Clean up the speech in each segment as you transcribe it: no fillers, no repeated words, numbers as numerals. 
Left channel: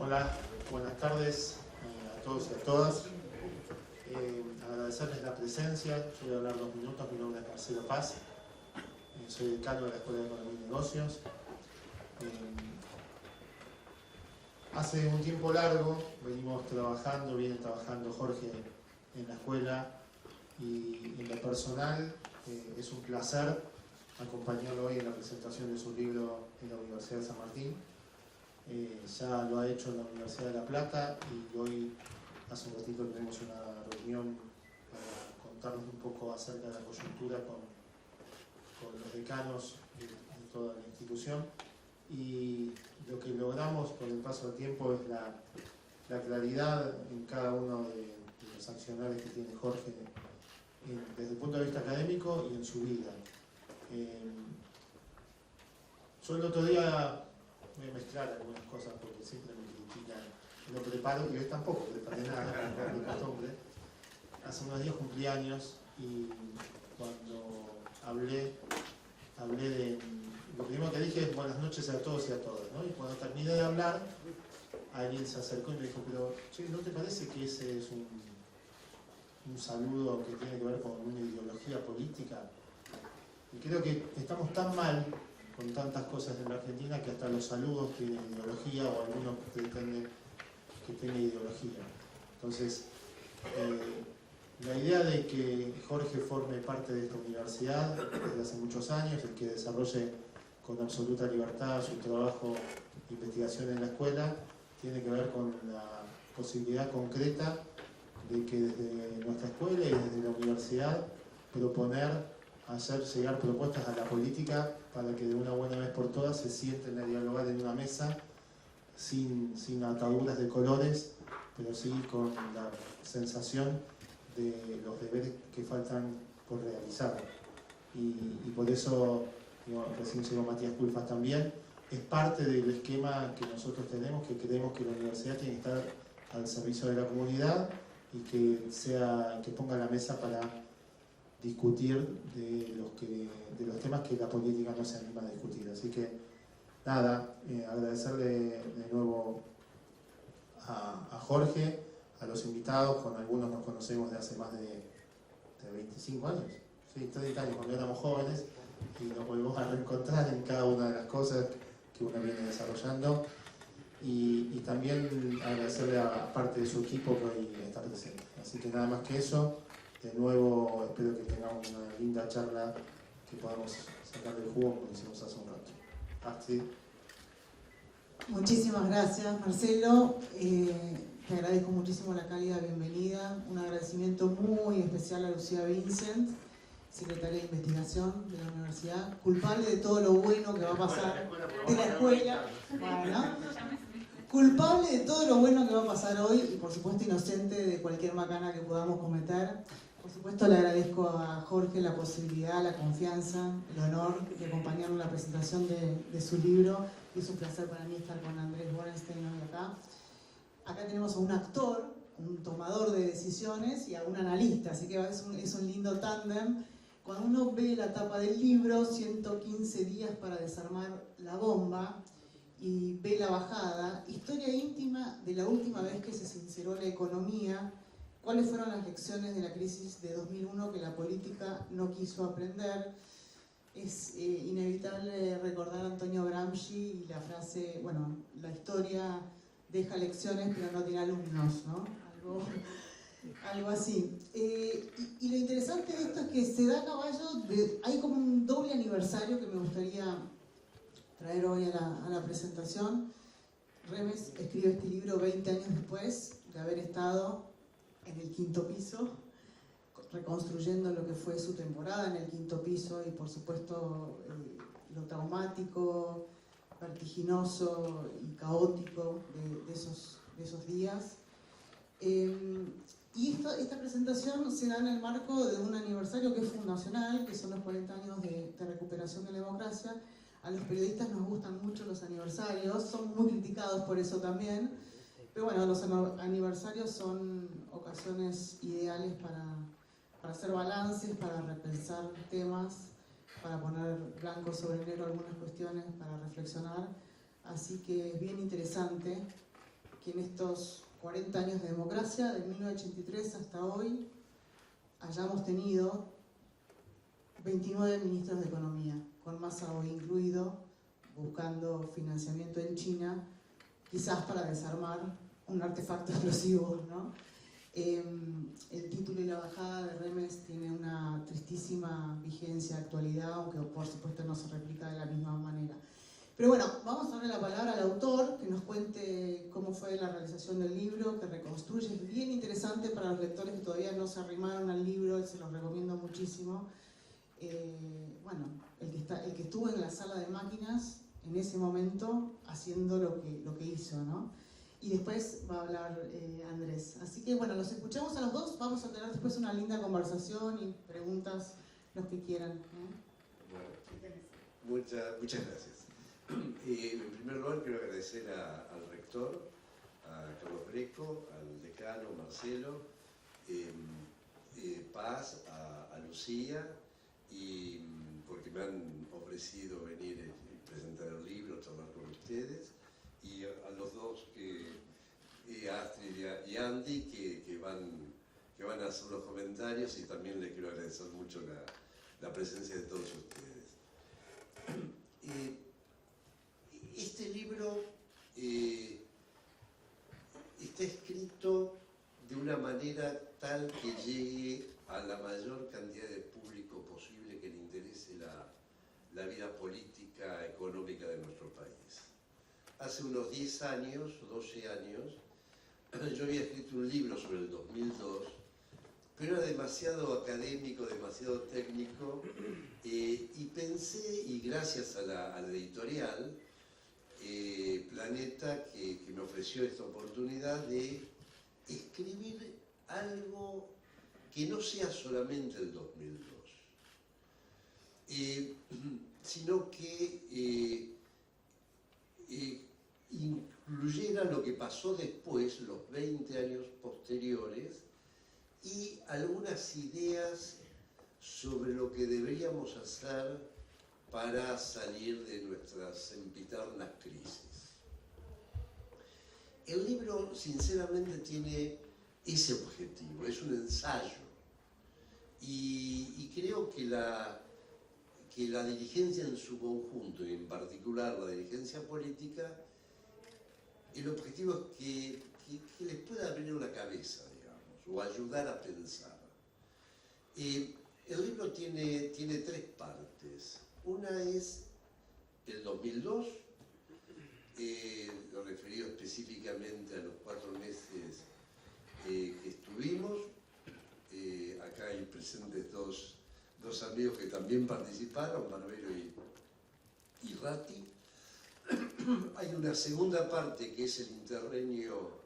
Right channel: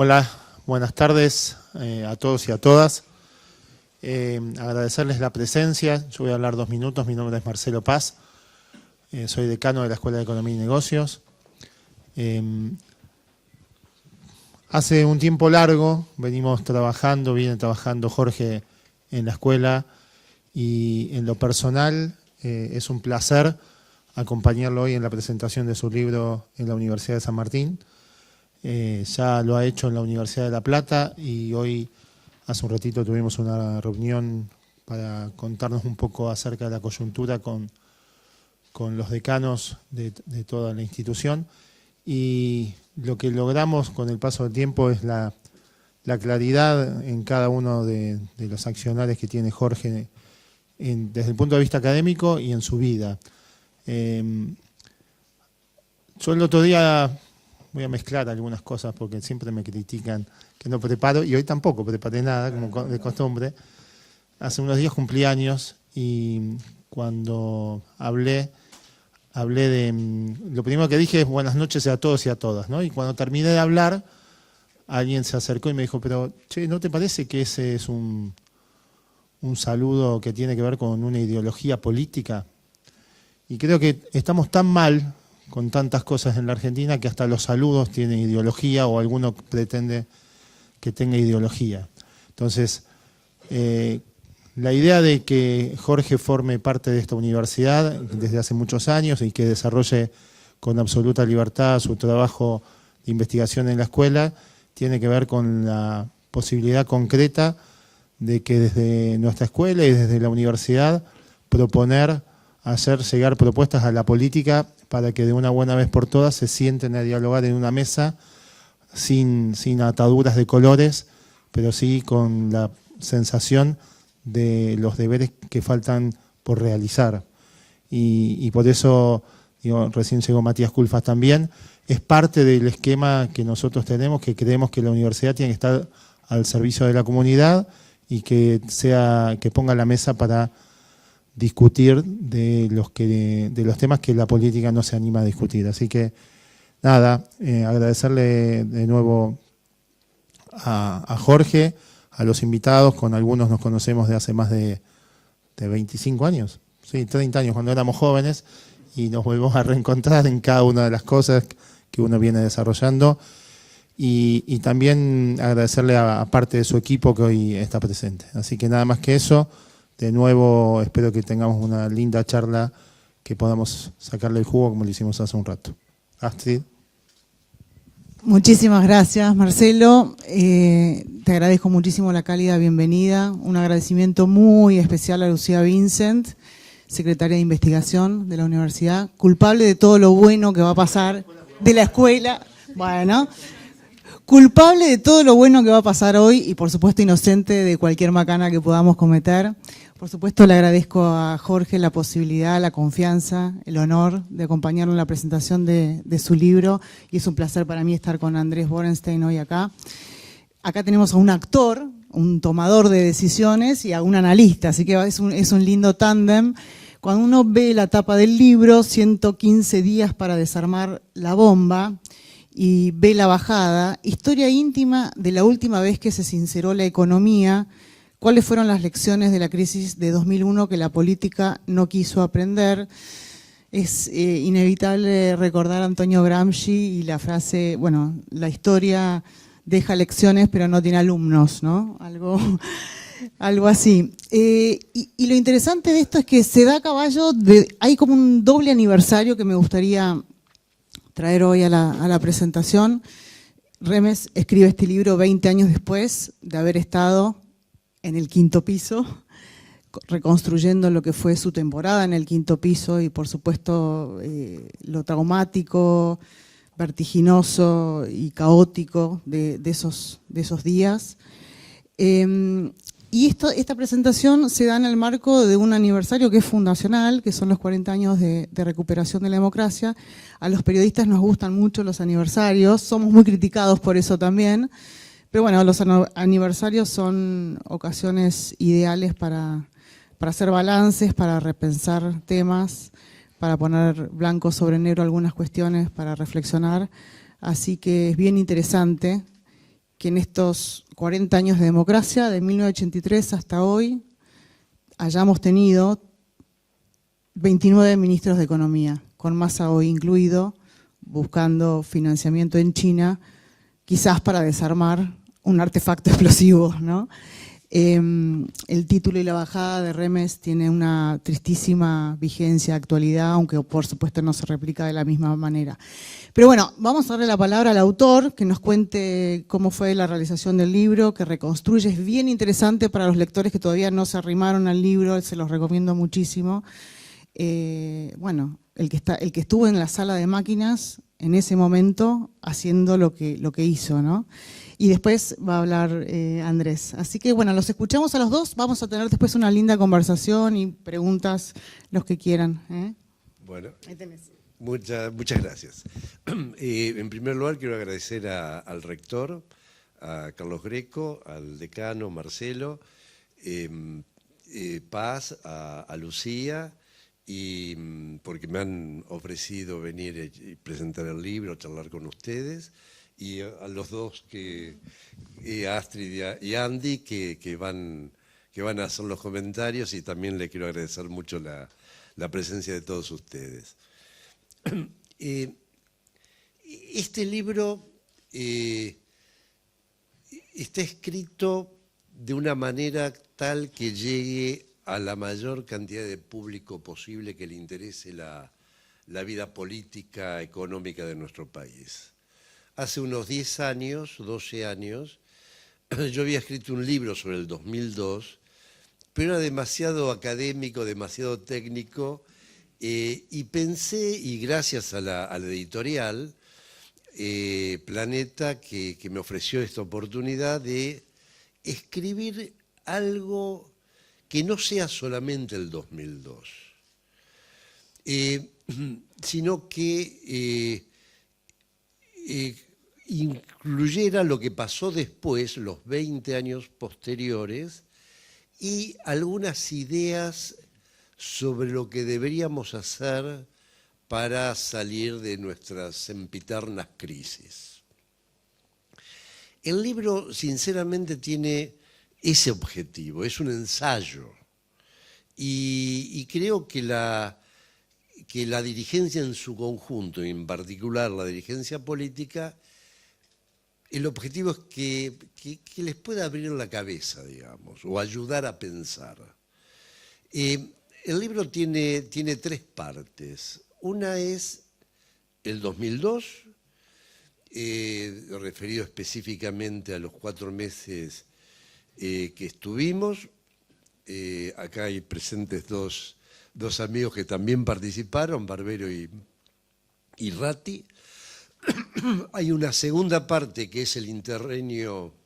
Hola, buenas tardes a todos y a todas. Agradecerles la presencia. Yo voy a hablar 2 minutos. Mi nombre es Marcelo Paz. Soy decano de la Escuela de Economía y Negocios. Hace un tiempo largo viene trabajando Jorge en la escuela, y en lo personal es un placer acompañarlo hoy en la presentación de su libro en la Universidad de San Martín. Ya lo ha hecho en la Universidad de La Plata y hoy, hace un ratito, tuvimos una reunión para contarnos un poco acerca de la coyuntura con los decanos de toda la institución. Y lo que logramos con el paso del tiempo es la claridad en cada uno de los accionarios que tiene Jorge desde el punto de vista académico y en su vida. Yo el otro día voy a mezclar algunas cosas porque siempre me critican que no preparo, y hoy tampoco preparé nada, como de costumbre. Hace unos días cumplí años y cuando hablé de... Lo primero que dije es buenas noches a todos y a todas, ¿no? Y cuando terminé de hablar, alguien se acercó y me dijo, pero, che, ¿no te parece que ese es un saludo que tiene que ver con una ideología política? Y creo que estamos tan mal con tantas cosas en la Argentina que hasta los saludos tienen ideología, o alguno pretende que tenga ideología. Entonces, la idea de que Jorge forme parte de esta universidad desde hace muchos años y que desarrolle con absoluta libertad su trabajo de investigación en la escuela tiene que ver con la posibilidad concreta de que desde nuestra escuela y desde la universidad hacer llegar propuestas a la política para que de una buena vez por todas se sienten a dialogar en una mesa sin ataduras de colores, pero sí con la sensación de los deberes que faltan por realizar. Y por eso, recién llegó Matías Culfas también, es parte del esquema que nosotros tenemos, que creemos que la universidad tiene que estar al servicio de la comunidad y que ponga la mesa para discutir de los temas que la política no se anima a discutir. Así que, nada, agradecerle de nuevo a Jorge, a los invitados. Con algunos nos conocemos de hace más de 25 años, sí, 30 años cuando éramos jóvenes, y nos volvemos a reencontrar en cada una de las cosas que uno viene desarrollando. Y también agradecerle a parte de su equipo que hoy está presente. Así que nada más que eso. De nuevo, espero que tengamos una linda charla, que podamos sacarle el jugo como lo hicimos hace un rato. Astrid. Muchísimas gracias, Marcelo. Te agradezco muchísimo la cálida bienvenida. Un agradecimiento muy especial a Lucía Vincent, secretaria de Investigación de la Universidad, culpable de todo lo bueno que va a pasar de la escuela. Bueno, culpable de todo lo bueno que va a pasar hoy y, por supuesto, inocente de cualquier macana que podamos cometer. Por supuesto, le agradezco a Jorge la posibilidad, la confianza, el honor de acompañarlo en la presentación de su libro, y es un placer para mí estar con Andrés Borenstein hoy acá. Acá tenemos a un actor, un tomador de decisiones, y a un analista, así que es un lindo tándem. Cuando uno ve la tapa del libro, 115 días para desarmar la bomba, y ve la bajada, historia íntima de la última vez que se sinceró la economía, cuáles fueron las lecciones de la crisis de 2001 que la política no quiso aprender. Es inevitable recordar a Antonio Gramsci y la frase, bueno, la historia deja lecciones pero no tiene alumnos, ¿no? Algo así. Y lo interesante de esto es que se da a caballo hay como un doble aniversario que me gustaría traer hoy a la presentación. Remes escribe este libro 20 años después de haber estado en el 5º piso, reconstruyendo lo que fue su temporada en el 5º piso y, por supuesto, lo traumático, vertiginoso y caótico de esos días. Y esta presentación se da en el marco de un aniversario que es fundacional, que son los 40 años de recuperación de la democracia. A los periodistas nos gustan mucho los aniversarios, somos muy criticados por eso también, pero bueno, los aniversarios son ocasiones ideales para hacer balances, para repensar temas, para poner blanco sobre negro algunas cuestiones, para reflexionar. Así que es bien interesante que en estos 40 años de democracia, de 1983 hasta hoy, hayamos tenido 29 ministros de Economía, con Massa hoy incluido, buscando financiamiento en China, quizás para desarmar un artefacto explosivo, ¿no? El título y la bajada de Remes tiene una tristísima vigencia, actualidad, aunque por supuesto no se replica de la misma manera. Pero bueno, vamos a darle la palabra al autor, que nos cuente cómo fue la realización del libro, que reconstruye. Es bien interesante para los lectores que todavía no se arrimaron al libro, se los recomiendo muchísimo. Bueno, el que estuvo en la sala de máquinas en ese momento haciendo lo que hizo, ¿no? Y después va a hablar Andrés. Así que bueno, los escuchamos a los dos. Vamos a tener después una linda conversación y preguntas, los que quieran. Bueno, Ahí tenés. muchas gracias. En primer lugar, quiero agradecer al rector, a Carlos Greco, al decano Marcelo, Paz, a Lucía, y porque me han ofrecido venir y presentar el libro, charlar con ustedes, y a los dos, a Astrid y a Andy, que van a hacer los comentarios, y también le quiero agradecer mucho la presencia de todos ustedes. Este libro está escrito de una manera tal que llegue a la mayor cantidad de público posible que le interese la vida política, económica de nuestro país. Hace unos 10 años, 12 años, yo había escrito un libro sobre el 2002, pero era demasiado académico, demasiado técnico, y pensé, y gracias a la editorial Planeta, que me ofreció esta oportunidad de escribir algo que no sea solamente el 2002, sino que incluyera lo que pasó después, los 20 años posteriores, y algunas ideas sobre lo que deberíamos hacer para salir de nuestras sempiternas crisis. El libro, sinceramente, tiene ese objetivo, es un ensayo, y creo que la dirigencia en su conjunto, y en particular la dirigencia política, el objetivo es que les pueda abrir la cabeza, digamos, o ayudar a pensar. El libro tiene 3 partes. Una es el 2002, referido específicamente a los 4 meses que estuvimos. Acá hay presentes dos amigos que también participaron, Barbero y Ratti. Hay una segunda parte que es el interregnio,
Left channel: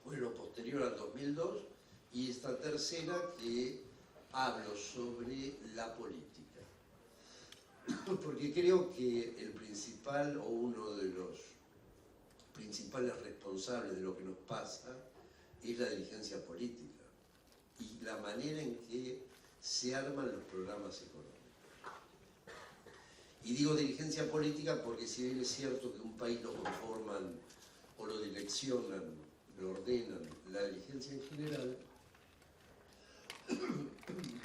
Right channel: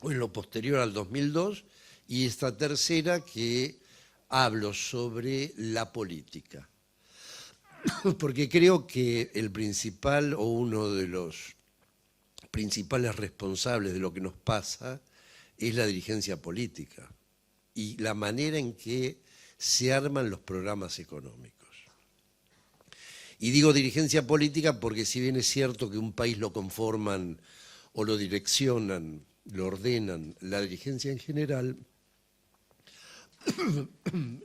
o en lo posterior al 2002, y esta tercera que hablo sobre la política. Porque creo que el principal o uno de los principales responsables de lo que nos pasa es la dirigencia política y la manera en que se arman los programas económicos. Y digo dirigencia política porque si bien es cierto que un país lo conforman o lo direccionan, lo ordenan la dirigencia en general,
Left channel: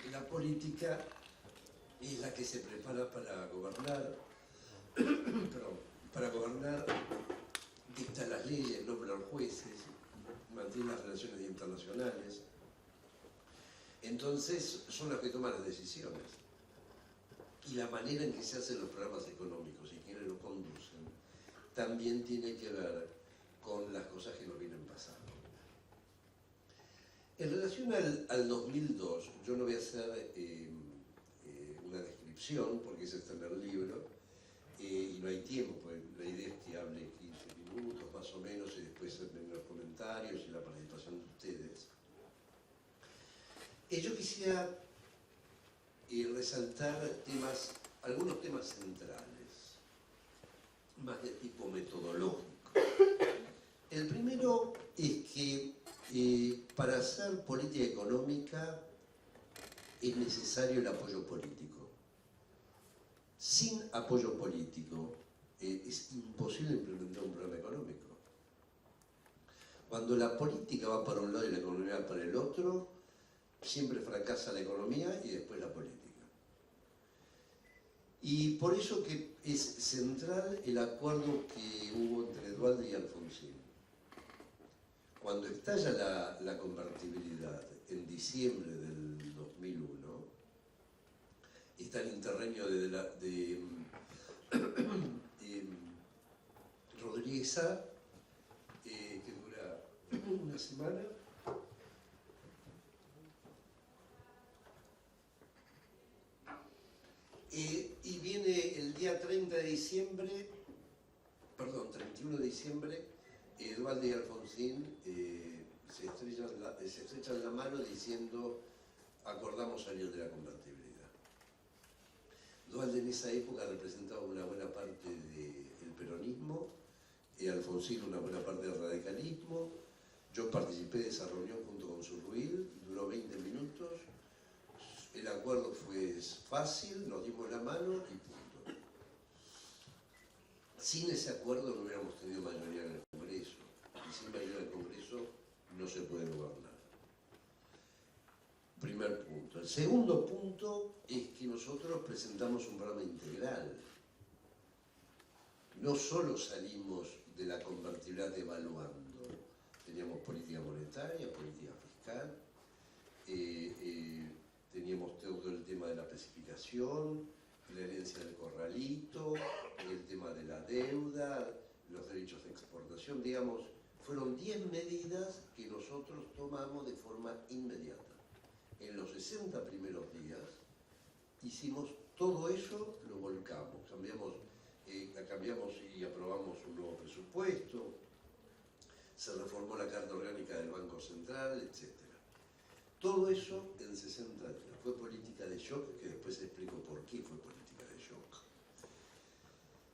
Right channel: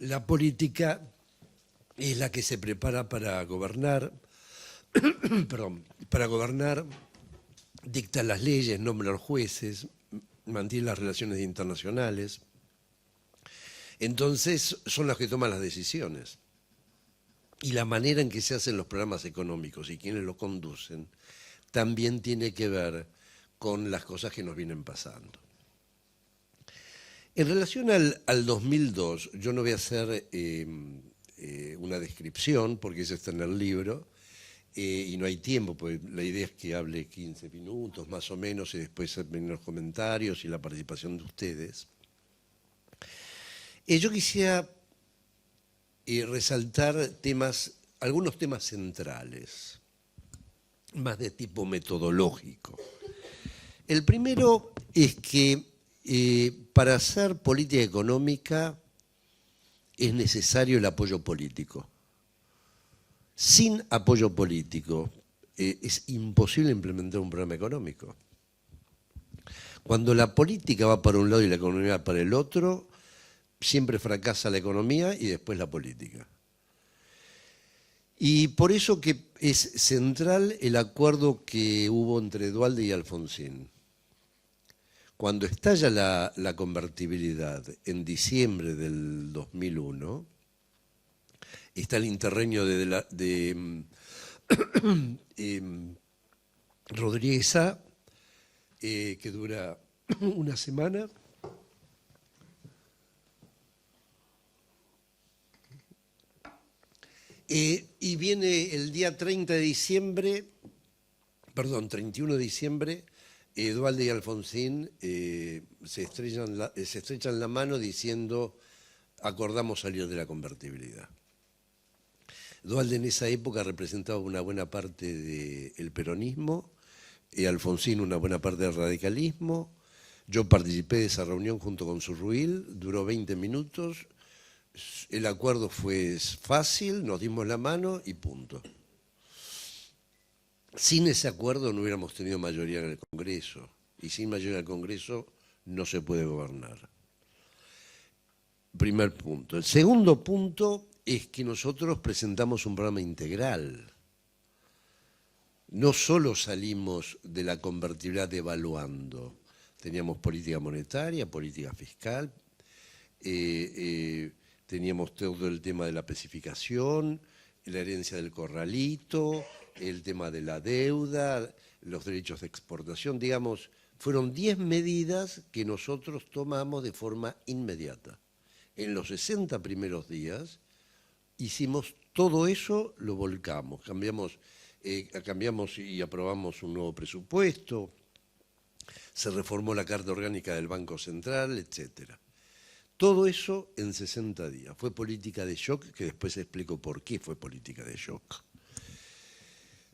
la política es la que se prepara para gobernar, dicta las leyes, nombra a los jueces, mantiene las relaciones internacionales. Entonces son las que toman las decisiones. Y la manera en que se hacen los programas económicos y quienes los conducen también tiene que ver con las cosas que nos vienen pasando. En relación al 2002, yo no voy a hacer una descripción, porque eso está en el libro, y no hay tiempo, porque la idea es que hable 15 minutos más o menos, y después ven los comentarios y la participación de ustedes. Yo quisiera resaltar algunos temas centrales, más de tipo metodológico. El primero es que para hacer política económica es necesario el apoyo político. Sin apoyo político es imposible implementar un programa económico. Cuando la política va para un lado y la economía para el otro, siempre fracasa la economía y después la política. Y por eso que es central el acuerdo que hubo entre Duhalde y Alfonsín. Cuando estalla la convertibilidad en diciembre del 2001, está el interreño de Rodríguez A, que dura una semana. Y viene el día 30 de diciembre, perdón, 31 de diciembre, Duhalde y Alfonsín se estrechan la mano diciendo acordamos salir de la convertibilidad. Duhalde en esa época representaba una buena parte del peronismo, Alfonsín una buena parte del radicalismo. Yo participé de esa reunión junto con Surruil, duró 20 minutos. El acuerdo fue fácil, nos dimos la mano y punto. Sin ese acuerdo no hubiéramos tenido mayoría en el Congreso, y sin mayoría en el Congreso no se puede gobernar. Primer punto. El segundo punto es que nosotros presentamos un programa integral. No solo salimos de la convertibilidad devaluando, teníamos política monetaria, política fiscal, teníamos todo el tema de la especificación, la herencia del corralito, el tema de la deuda, los derechos de exportación, digamos, fueron 10 medidas que nosotros tomamos de forma inmediata. En los 60 primeros días hicimos todo eso, lo volcamos, cambiamos y aprobamos un nuevo presupuesto, se reformó la Carta Orgánica del Banco Central, etcétera. Todo eso en 60 días. Fue política de shock, que después explico por qué fue política de shock.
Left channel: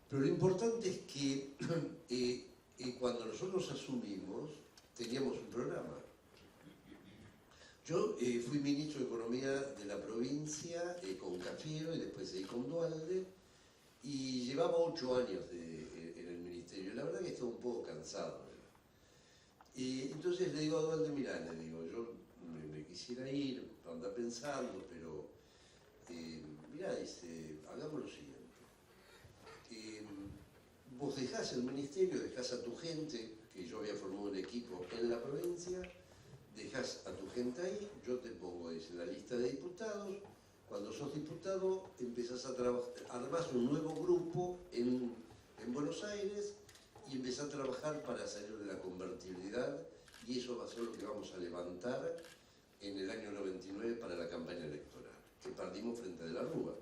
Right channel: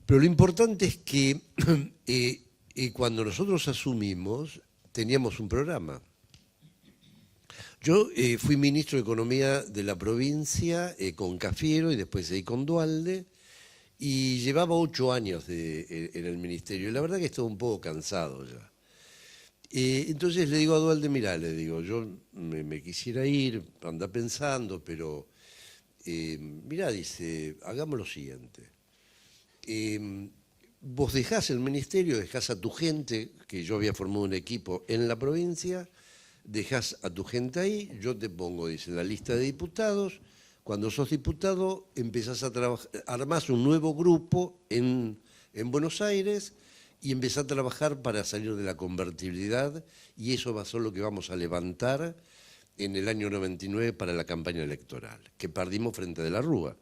Pero lo importante es que cuando nosotros asumimos, teníamos un programa. Yo fui ministro de Economía de la provincia con Cafiero y después ahí con Duhalde, y llevaba 8 años en el ministerio. Y la verdad que estaba un poco cansado ya. Entonces le digo a Duhalde, mirá, le digo, yo me quisiera ir, anda pensando, pero mirá, dice, hagamos lo siguiente. Vos dejás el ministerio, dejás a tu gente, que yo había formado un equipo en la provincia, dejás a tu gente ahí, yo te pongo, dice, en la lista de diputados. Cuando sos diputado empezás a trabajar, armás un nuevo grupo en Buenos Aires y empezás a trabajar para salir de la convertibilidad, y eso va a ser lo que vamos a levantar en el año 99 para la campaña electoral, que perdimos frente a De la Rúa.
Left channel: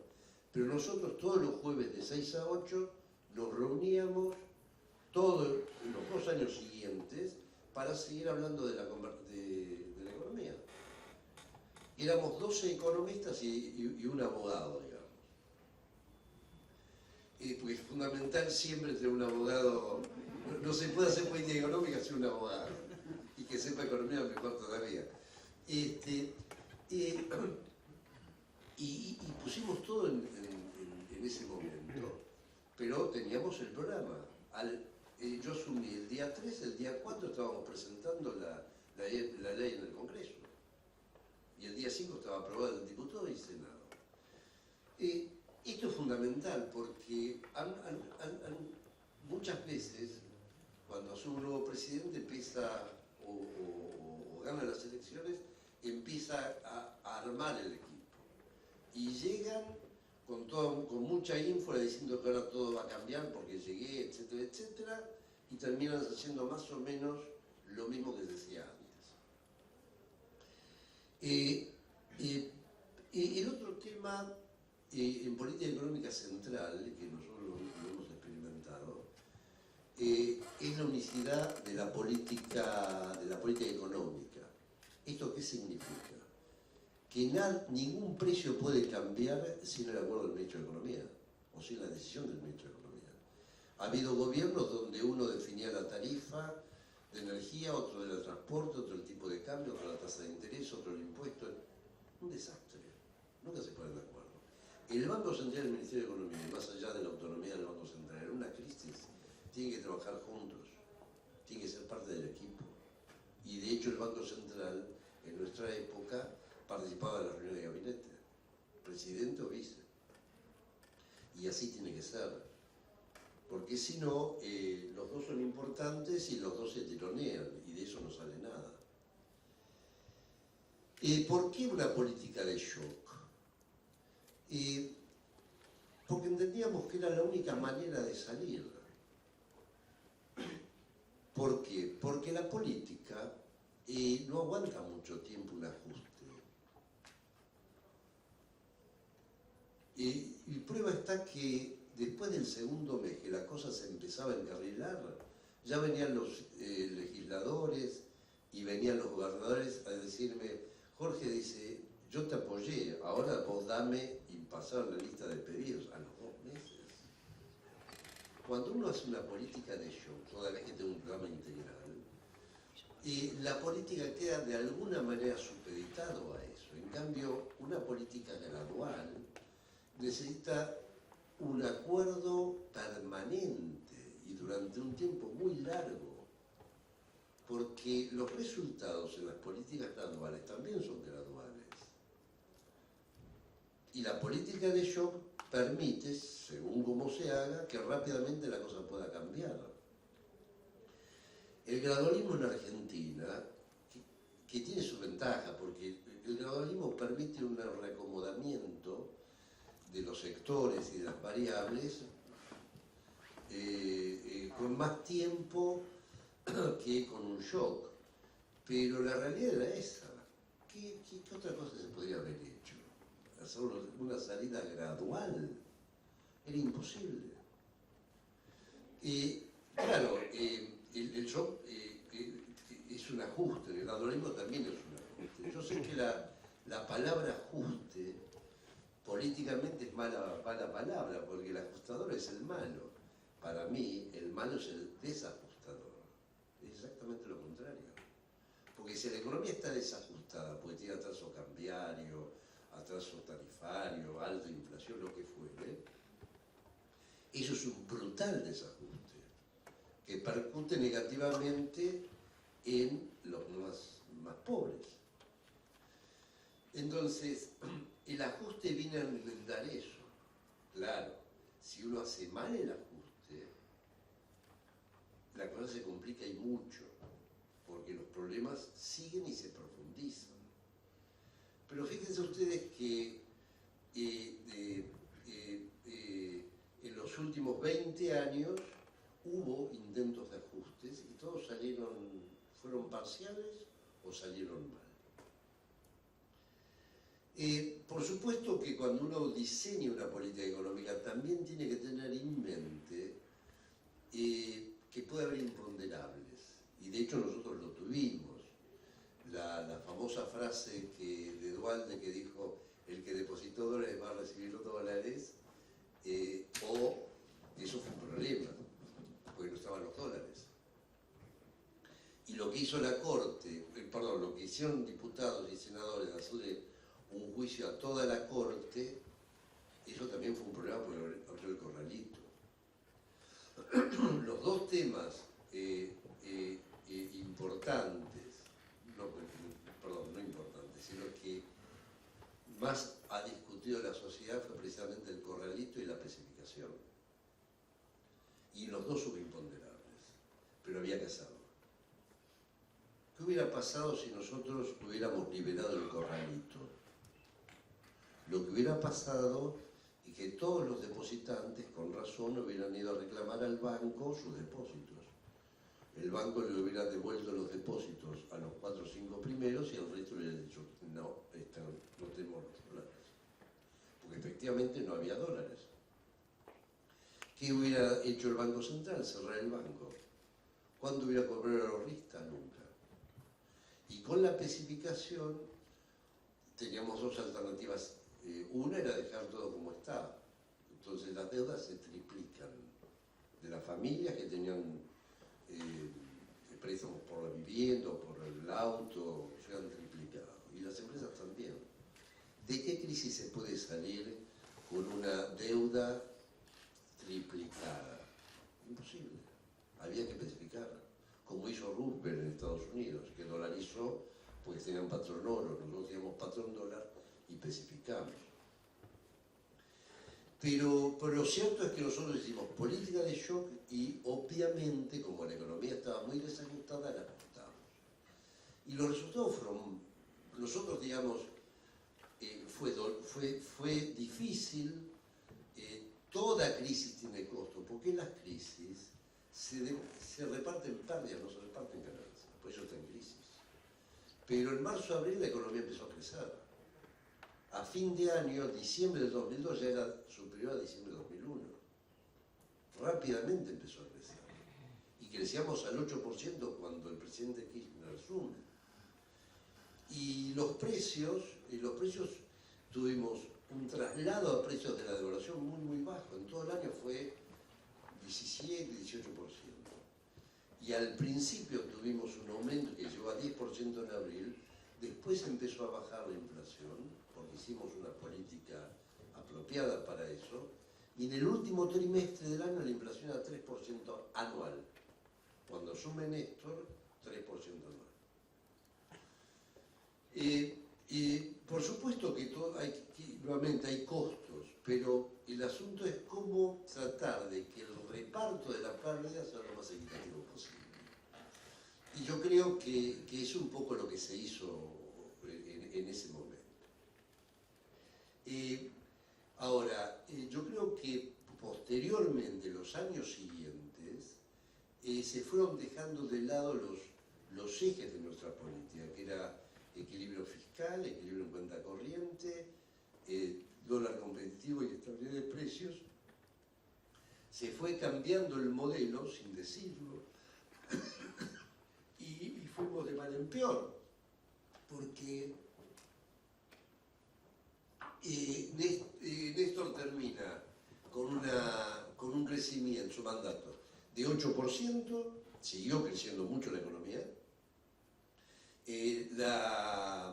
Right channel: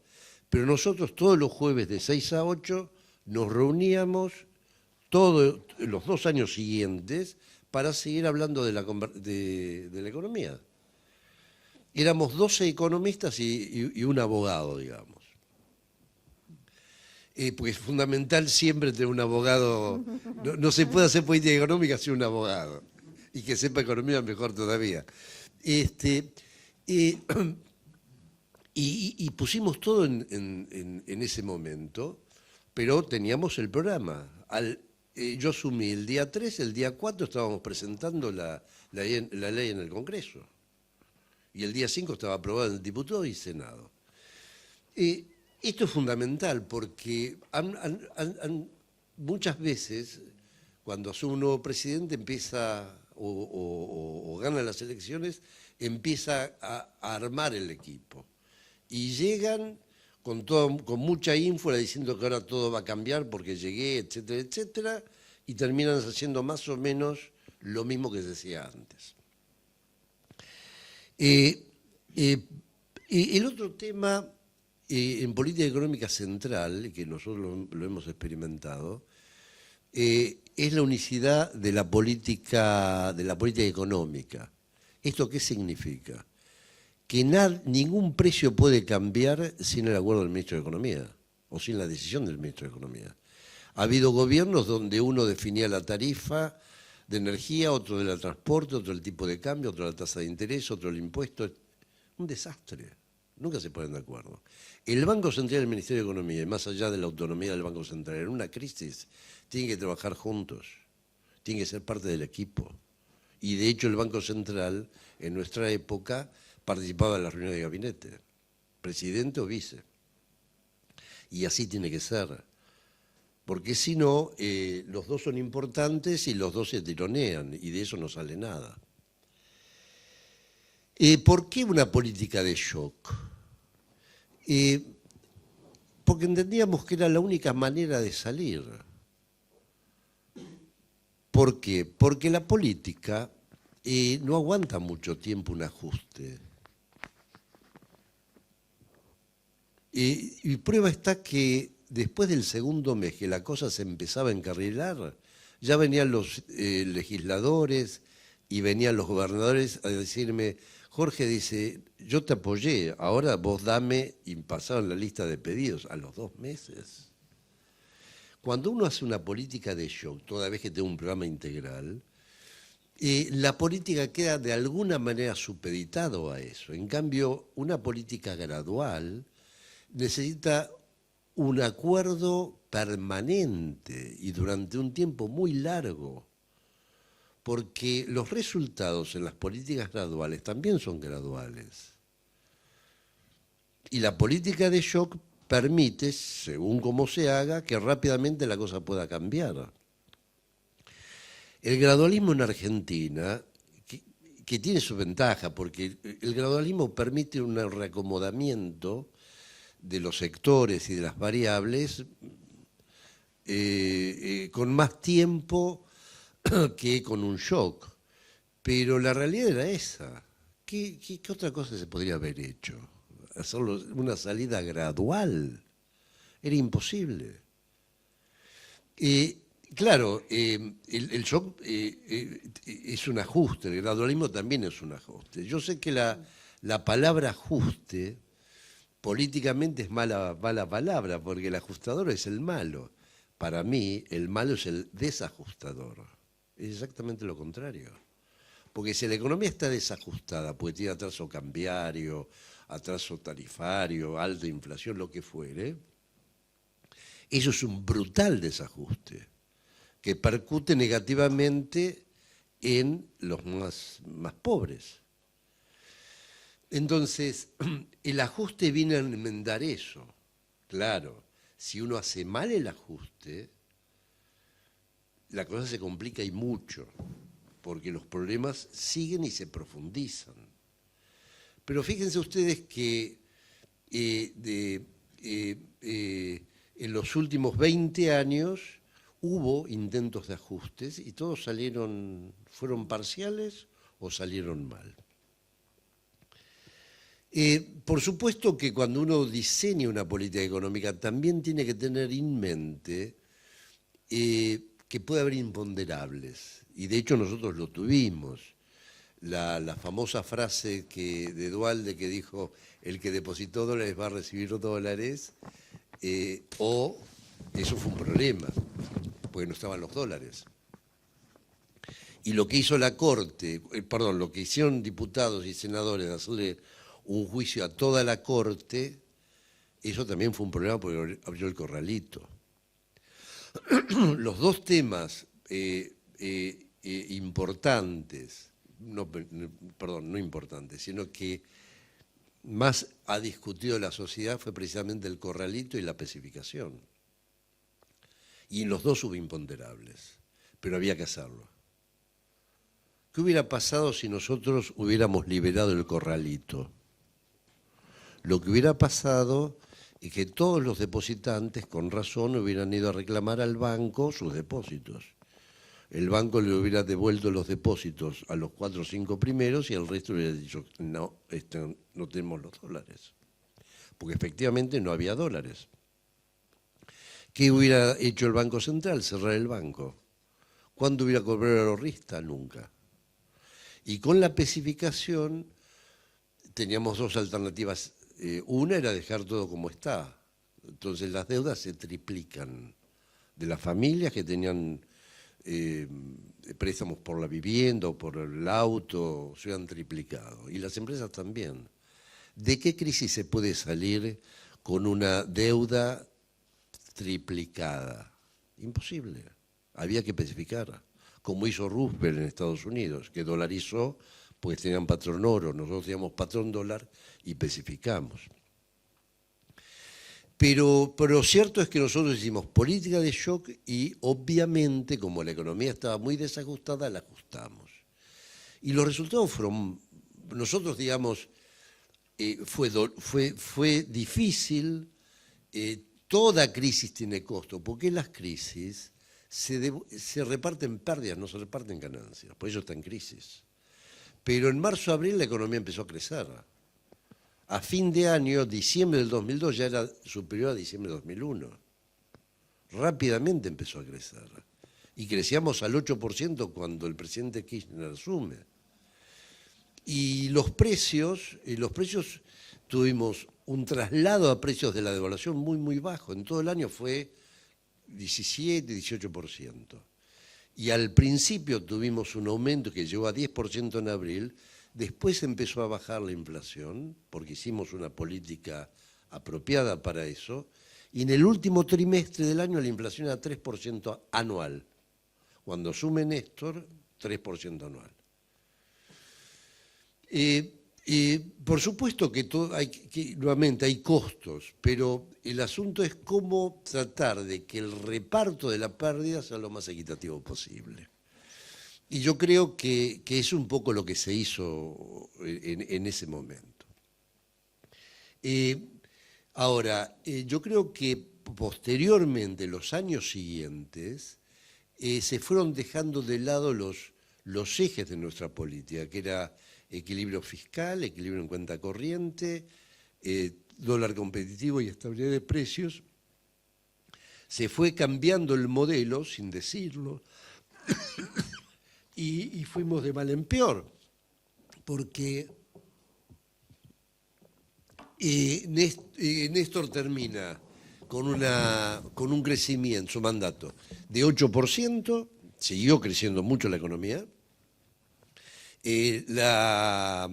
Pero nosotros todos los jueves de 6 a 8 nos reuníamos todos los 2 años siguientes para seguir hablando de la economía. Éramos 12 economistas y un abogado, digamos. Porque es fundamental siempre tener un abogado. No se puede hacer política económica sin un abogado. Y que sepa economía mejor todavía. Y pusimos todo en ese momento, pero teníamos el programa. Yo asumí el día 3, el día 4 estábamos presentando la ley en el Congreso. Y el día 5 estaba aprobado en el Diputado y Senado. Esto es fundamental porque muchas veces, cuando asume un nuevo presidente, empieza o gana las elecciones, empieza a armar el equipo. Y llegan con mucha ínfula diciendo que ahora todo va a cambiar porque llegué, etcétera, etcétera, y terminan haciendo más o menos lo mismo que se decía antes. El otro tema en política económica central, que nosotros lo hemos experimentado, es la unicidad de la política económica. ¿Esto qué significa? Que ningún precio puede cambiar sin el acuerdo del ministro de Economía o sin la decisión del ministro de Economía. Ha habido gobiernos donde uno definía la tarifa de energía, otro del transporte, otro el tipo de cambio, otro la tasa de interés, otro el impuesto. Un desastre. Nunca se ponen de acuerdo. El Banco Central y el Ministerio de Economía, y más allá de la autonomía del Banco Central, en una crisis tienen que trabajar juntos, tienen que ser parte del equipo. Y de hecho el Banco Central, en nuestra época, participaba en las reuniones de gabinete, presidente o vice. Y así tiene que ser. Porque si no, los dos son importantes y los dos se tironean, y de eso no sale nada. ¿Por qué una política de shock? Porque entendíamos que era la única manera de salir. ¿Por qué? Porque la política no aguanta mucho tiempo un ajuste. Y prueba está que después del segundo mes que la cosa se empezaba a encarrilar, ya venían los legisladores y venían los gobernadores a decirme, Jorge dice, yo te apoyé, ahora vos dame, y pasaron la lista de pedidos a los 2 meses. Cuando uno hace una política de shock, toda vez que tiene un programa integral, la política queda de alguna manera supeditado a eso. En cambio, una política gradual necesita un acuerdo permanente y durante un tiempo muy largo, porque los resultados en las políticas graduales también son graduales. Y la política de shock permite, según cómo se haga, que rápidamente la cosa pueda cambiar. El gradualismo en Argentina, que tiene su ventaja, porque el gradualismo permite un reacomodamiento de los sectores y de las variables con más tiempo que con un shock. Pero la realidad era esa. ¿Qué otra cosa se podría haber hecho? Hacerlo una salida gradual. Era imposible. Claro, el shock es un ajuste, el gradualismo también es un ajuste. Yo sé que la palabra ajuste políticamente es mala palabra, porque el ajustador es el malo. Para mí, el malo es el desajustador. Es exactamente lo contrario. Porque si la economía está desajustada, porque tiene atraso cambiario, atraso tarifario, alta inflación, lo que fuere, eso es un brutal desajuste que percute negativamente en los más pobres. Entonces, el ajuste viene a enmendar eso. Claro, si uno hace mal el ajuste, la cosa se complica y mucho, porque los problemas siguen y se profundizan. Pero fíjense ustedes que en los últimos 20 años hubo intentos de ajustes y todos fueron parciales o salieron mal. Por supuesto que cuando uno diseña una política económica también tiene que tener en mente que puede haber imponderables, y de hecho nosotros lo tuvimos. La famosa frase de Duhalde que dijo, el que depositó dólares va a recibir dólares, eso fue un problema, porque no estaban los dólares. Y lo que hizo la Corte, lo que hicieron diputados y senadores de hacerle un juicio a toda la Corte, eso también fue un problema porque abrió el corralito. Los dos temas importantes, no importantes, sino que más ha discutido la sociedad fue precisamente el corralito y la especificación. Y en los dos hubo imponderables, pero había que hacerlo. ¿Qué hubiera pasado si nosotros hubiéramos liberado el corralito? Lo que hubiera pasado es que todos los depositantes, con razón, hubieran ido a reclamar al banco sus depósitos. El banco le hubiera devuelto los depósitos a los 4 o 5 primeros y el resto le hubiera dicho, no, no tenemos los dólares. Porque efectivamente no había dólares. ¿Qué hubiera hecho el Banco Central? Cerrar el banco. ¿Cuándo hubiera cobrado el ahorrista? Nunca. Y con la especificación teníamos dos alternativas. Una era dejar todo como está. Entonces las deudas se triplican. De las familias que tenían préstamos por la vivienda o por el auto, se han triplicado. Y las empresas también. ¿De qué crisis se puede salir con una deuda triplicada? Imposible. Había que especificar. como hizo Roosevelt en Estados Unidos, que dolarizó, pues tenían patrón oro, nosotros teníamos patrón dólar y especificamos. Pero lo cierto es que nosotros hicimos política de shock y obviamente, como la economía estaba muy desajustada, la ajustamos. Y los resultados fueron, nosotros digamos, fue difícil, toda crisis tiene costo, porque las crisis se reparten pérdidas, no se reparten ganancias, por eso está en crisis. Pero en marzo-abril la economía empezó a crecer. A fin de año, diciembre del 2002, ya era superior a diciembre del 2001. Rápidamente empezó a crecer. Y crecíamos al 8% cuando el presidente Kirchner asume. Y los precios tuvimos un traslado a precios de la devaluación muy, muy bajo. En todo el año fue 17, 18%. Y al principio tuvimos un aumento que llegó a 10% en abril. Después empezó a bajar la inflación, porque hicimos una política apropiada para eso, y en el último trimestre del año la inflación era 3% anual. Cuando asume Néstor, 3% anual. Por supuesto que, nuevamente hay costos, pero el asunto es cómo tratar de que el reparto de la pérdida sea lo más equitativo posible. Y yo creo que es un poco lo que se hizo en ese momento. Ahora, yo creo que posteriormente, los años siguientes, se fueron dejando de lado los ejes de nuestra política, que era equilibrio fiscal, equilibrio en cuenta corriente, dólar competitivo y estabilidad de precios. Se fue cambiando el modelo, sin decirlo, y fuimos de mal en peor, porque Néstor termina con un crecimiento, su mandato, de 8%, siguió creciendo mucho la economía, la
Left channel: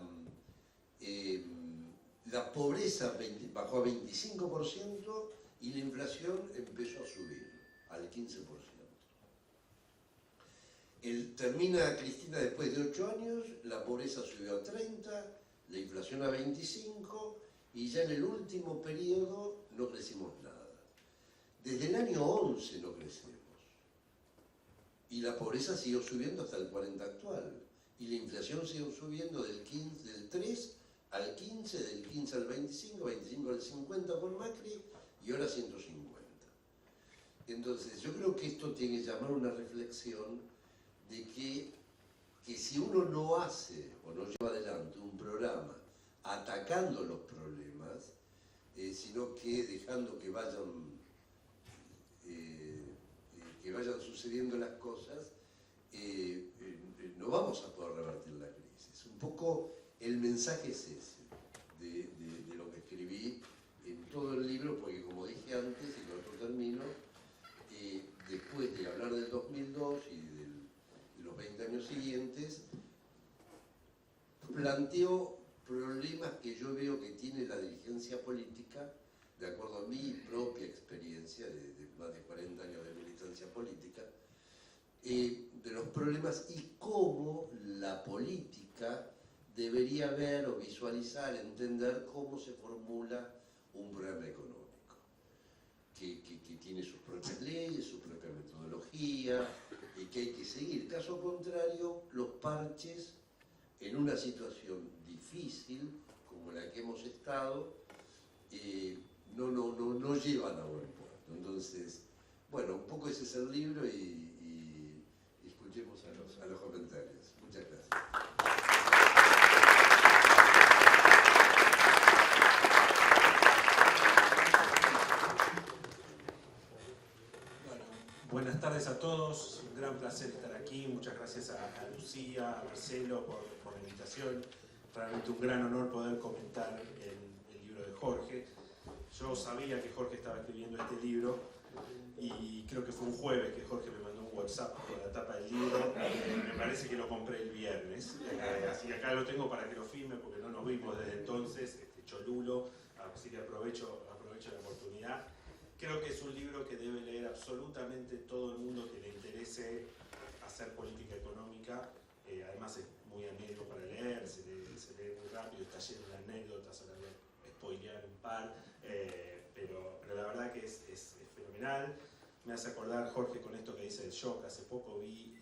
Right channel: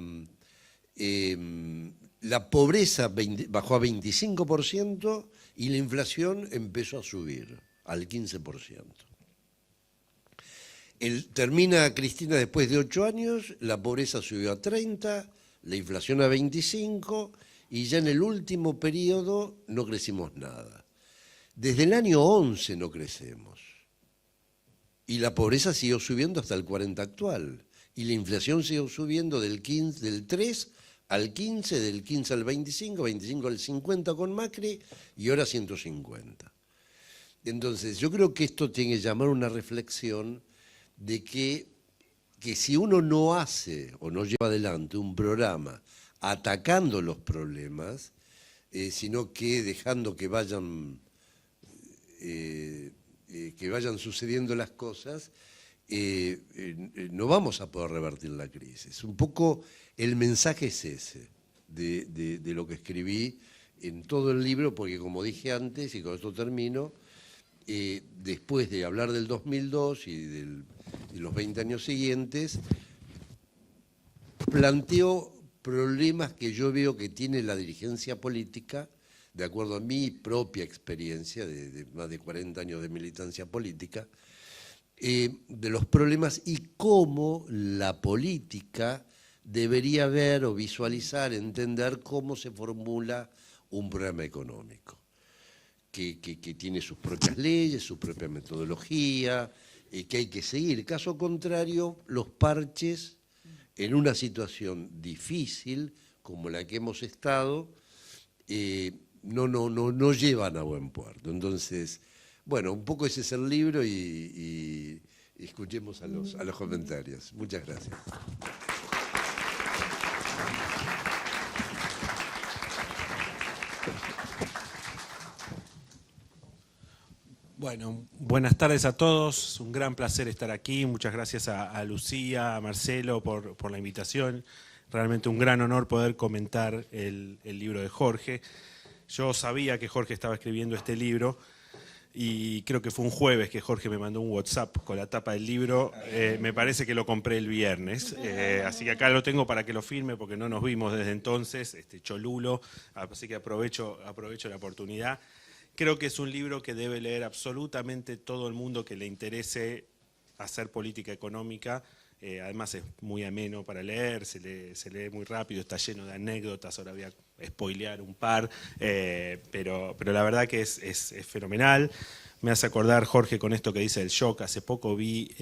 pobreza bajó a 25% y la inflación empezó a subir al 15%. Termina Cristina después de 8 años, la pobreza subió a 30, la inflación a 25 y ya en el último periodo no crecimos nada. Desde el año 11 no crecemos y la pobreza siguió subiendo hasta el 40 actual y la inflación siguió subiendo del 3 al 15, del 15 al 25, 25 al 50 con Macri y ahora 150. Entonces yo creo que esto tiene que llamar una reflexión de que si uno no hace o no lleva adelante un programa atacando los problemas, sino que dejando que vayan sucediendo las cosas, no vamos a poder revertir la crisis. Un poco el mensaje es ese, de lo que escribí en todo el libro, porque como dije antes, y con esto termino, después de hablar del 2002 y los 20 años siguientes, planteo problemas que yo veo que tiene la dirigencia política, de acuerdo a mi propia experiencia de más de 40 años de militancia política, de los problemas y cómo la política debería ver o visualizar, entender cómo se formula un programa económico, que tiene sus propias leyes, su propia metodología, que hay que seguir. Caso contrario, los parches en una situación difícil como la que hemos estado no llevan a buen puerto. Entonces, bueno, un poco ese es el libro y escuchemos a los comentarios. Muchas gracias. Bueno, buenas tardes a todos. Es un gran placer estar aquí. Muchas gracias a Lucía, a Marcelo por la invitación. Realmente un gran honor poder comentar el libro de Jorge. Yo sabía que Jorge estaba escribiendo este libro y creo que fue un jueves que Jorge me mandó un WhatsApp con la tapa del libro. Me parece que lo compré el viernes. Así que acá lo tengo para que lo firme porque no nos vimos desde entonces. Cholulo. Así que aprovecho la oportunidad. Creo que es un libro que debe leer absolutamente todo el mundo que le interese hacer política económica. Además es muy ameno para leer, se lee muy rápido, está lleno de anécdotas, ahora voy a spoilear un par, pero la verdad que es fenomenal. Me hace acordar, Jorge, con esto que dice del shock. Hace poco vi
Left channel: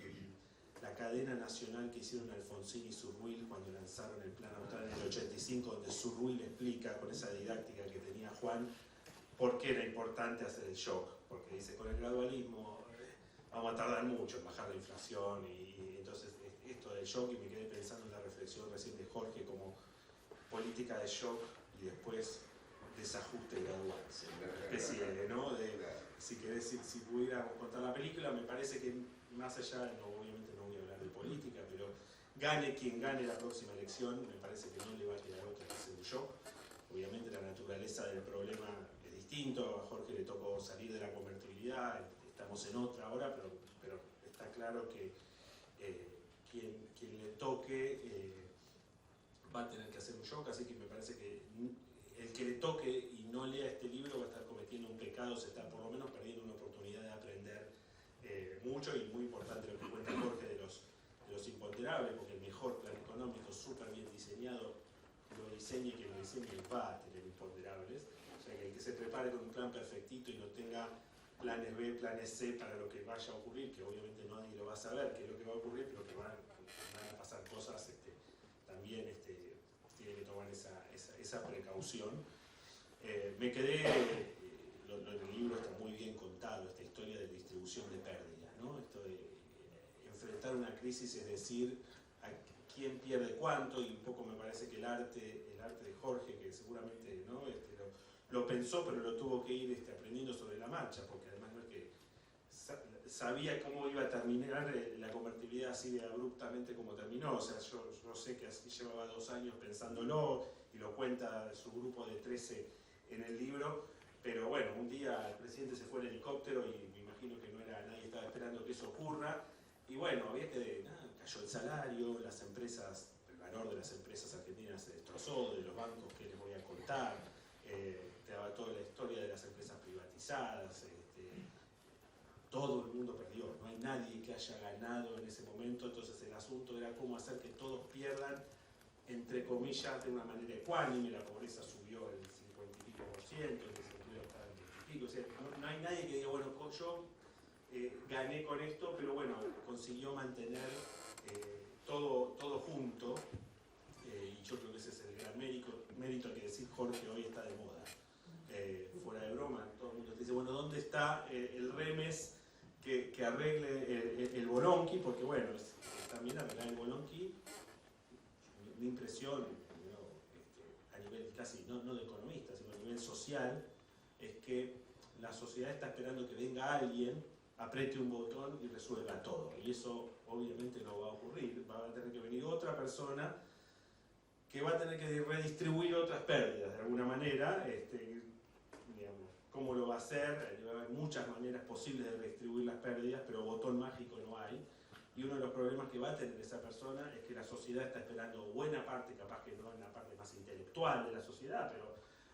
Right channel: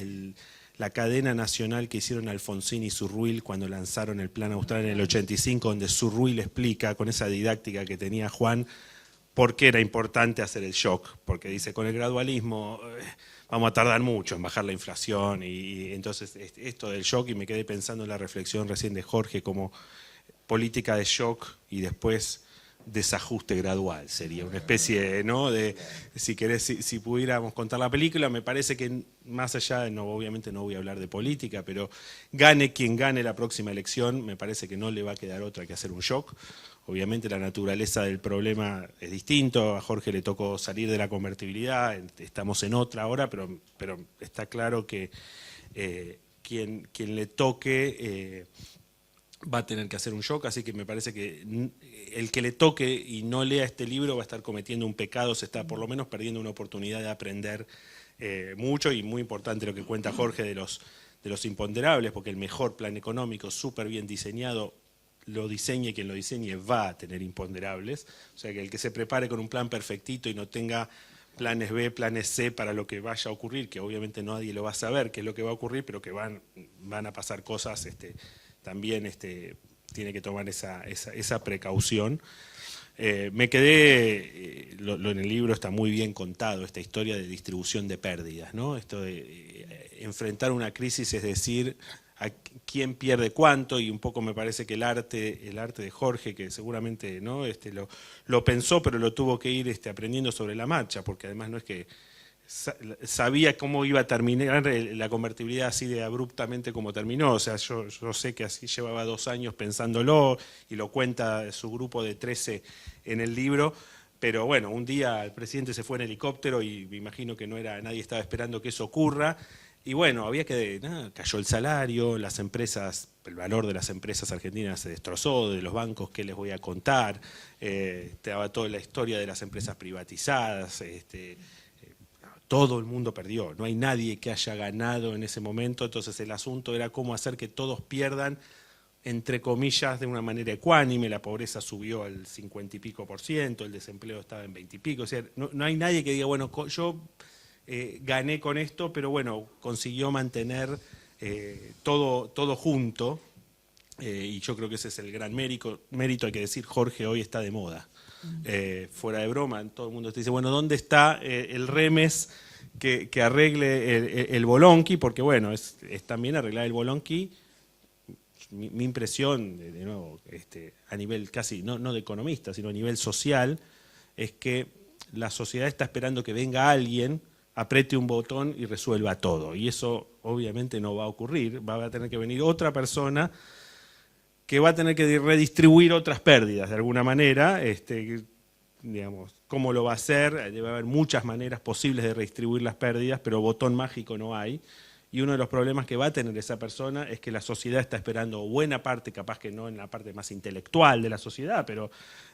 la cadena nacional que hicieron Alfonsín y Zurruil cuando lanzaron el Plan Austral en el 85, donde Zurruil explica, con esa didáctica que tenía Juan, por qué era importante hacer el shock. Porque dice, con el gradualismo vamos a tardar mucho en bajar la inflación, y entonces esto del shock, y me quedé pensando en la reflexión recién de Jorge, como política de shock y después desajuste gradual, sería una especie, ¿no?, de, si querés, si pudiéramos contar la película. Me parece que más allá, obviamente no voy a hablar de política, pero gane quien gane la próxima elección, me parece que no le va a quedar otra que hacer un shock. Obviamente la naturaleza del problema es distinto, a Jorge le tocó salir de la convertibilidad, estamos en otra ahora, pero está claro que quien le toque va a tener que hacer un shock, así que me parece que el que le toque y no lea este libro va a estar cometiendo un pecado, se está por lo menos perdiendo una oportunidad de aprender mucho, y muy importante lo que cuenta Jorge de los imponderables, porque el mejor plan económico, súper bien diseñado, lo diseñe quien lo diseñe, va a tener imponderables. O sea que el que se prepare con un plan perfectito y no tenga planes B, planes C para lo que vaya a ocurrir, que obviamente nadie lo va a saber qué es lo que va a ocurrir, pero que van a pasar cosas, también tiene que tomar esa precaución. Me quedé, en el libro está muy bien contado, esta historia de distribución de pérdidas, ¿no? Esto de enfrentar una crisis, es decir, a quién pierde cuánto, y un poco me parece que el arte de Jorge, que seguramente, ¿no?, lo pensó, pero lo tuvo que ir aprendiendo sobre la marcha, porque además no es que sabía cómo iba a terminar la convertibilidad así de abruptamente como terminó. O sea, yo sé que así llevaba 2 años pensándolo, y lo cuenta su grupo de 13 en el libro. Pero bueno, un día el presidente se fue en helicóptero y me imagino que nadie estaba esperando que eso ocurra. Y bueno, cayó el salario, las empresas, el valor de las empresas argentinas se destrozó, de los bancos, ¿qué les voy a contar? Te daba toda la historia de las empresas privatizadas, todo el mundo perdió, no hay nadie que haya ganado en ese momento. Entonces el asunto era cómo hacer que todos pierdan, entre comillas, de una manera ecuánime. La pobreza subió al 50 y pico %, el desempleo estaba en 20 y pico. O sea, no hay nadie que diga, bueno, yo gané con esto, pero bueno, consiguió mantener todo junto, y yo creo que ese es el gran mérito. Hay que decir, Jorge hoy está de moda. Fuera de broma, todo el mundo te dice, bueno, ¿dónde está el remes que arregle el bolonqui? Porque bueno, es también arreglar el bolonqui. Mi impresión, de nuevo, a nivel casi, no de economista, sino a nivel social, es que la sociedad está esperando que venga alguien, apriete un botón y resuelva todo. Y eso obviamente no va a ocurrir, va a tener que venir otra persona que va a tener que redistribuir otras pérdidas de alguna manera. Digamos, ¿cómo lo va a hacer? Debe haber muchas maneras posibles de redistribuir las pérdidas, pero botón mágico no hay. Y uno de los problemas que va a tener esa persona es que la sociedad está esperando, buena parte, capaz que no en la parte más intelectual de la sociedad, pero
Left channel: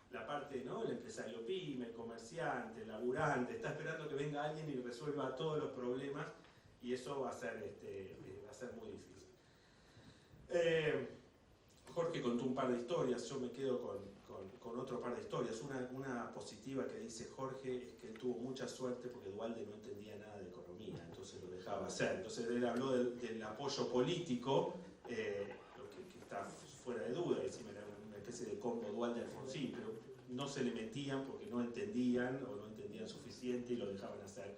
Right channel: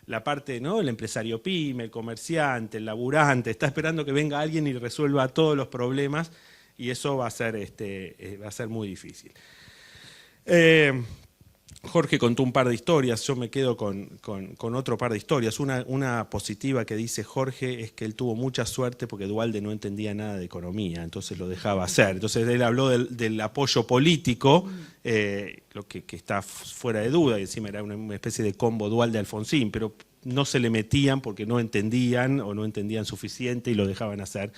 la parte, ¿no?, el empresario pyme, el comerciante, el laburante, está esperando que venga alguien y resuelva todos los problemas, y eso va a ser muy difícil. Jorge contó un par de historias, yo me quedo con otro par de historias. Una positiva que dice Jorge es que él tuvo mucha suerte porque Duhalde no entendía nada de economía, entonces lo dejaba hacer. Entonces él habló del apoyo político, lo que está fuera de duda, y encima era una especie de combo Duhalde-Alfonsín, pero no se le metían porque no entendían o no entendían suficiente y lo dejaban hacer.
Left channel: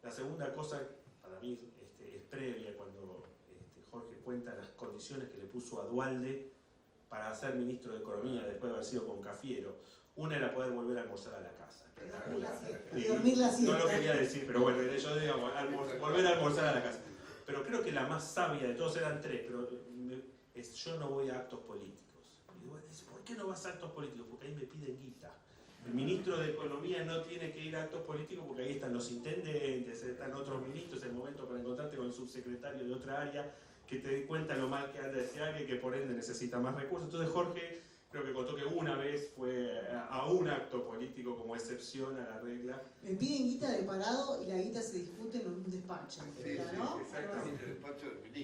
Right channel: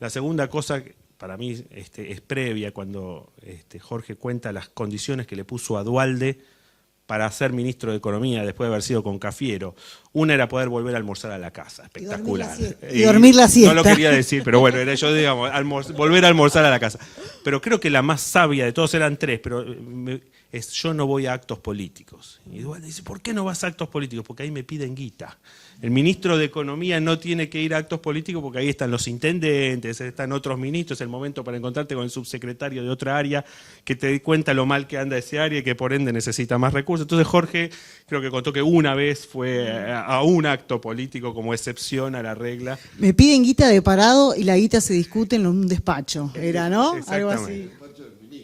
La segunda cosa, para mí es previa, cuando Jorge cuenta las condiciones que le puso a Duhalde para ser ministro de Economía después de haber sido con Cafiero. Una era poder volver a almorzar a la casa, espectacular. Y dormir la siesta. No lo quería decir, pero bueno, era yo, digamos, volver a almorzar a la casa. Pero creo que la más sabia de todos, eran 3, pero yo no voy a actos políticos. Y Duhalde dice, ¿por qué no vas a actos políticos? Porque ahí me piden guita. El ministro de Economía no tiene que ir a actos políticos porque ahí están los intendentes, están otros ministros, es el momento para encontrarte con el subsecretario de otra área que te dé cuenta lo mal que anda ese área y que por ende necesita más recursos. Entonces Jorge creo que contó que una vez fue a un acto político como excepción a la regla. Me piden guita de parado y la guita se discute en un despacho, era, ¿no? Algo así.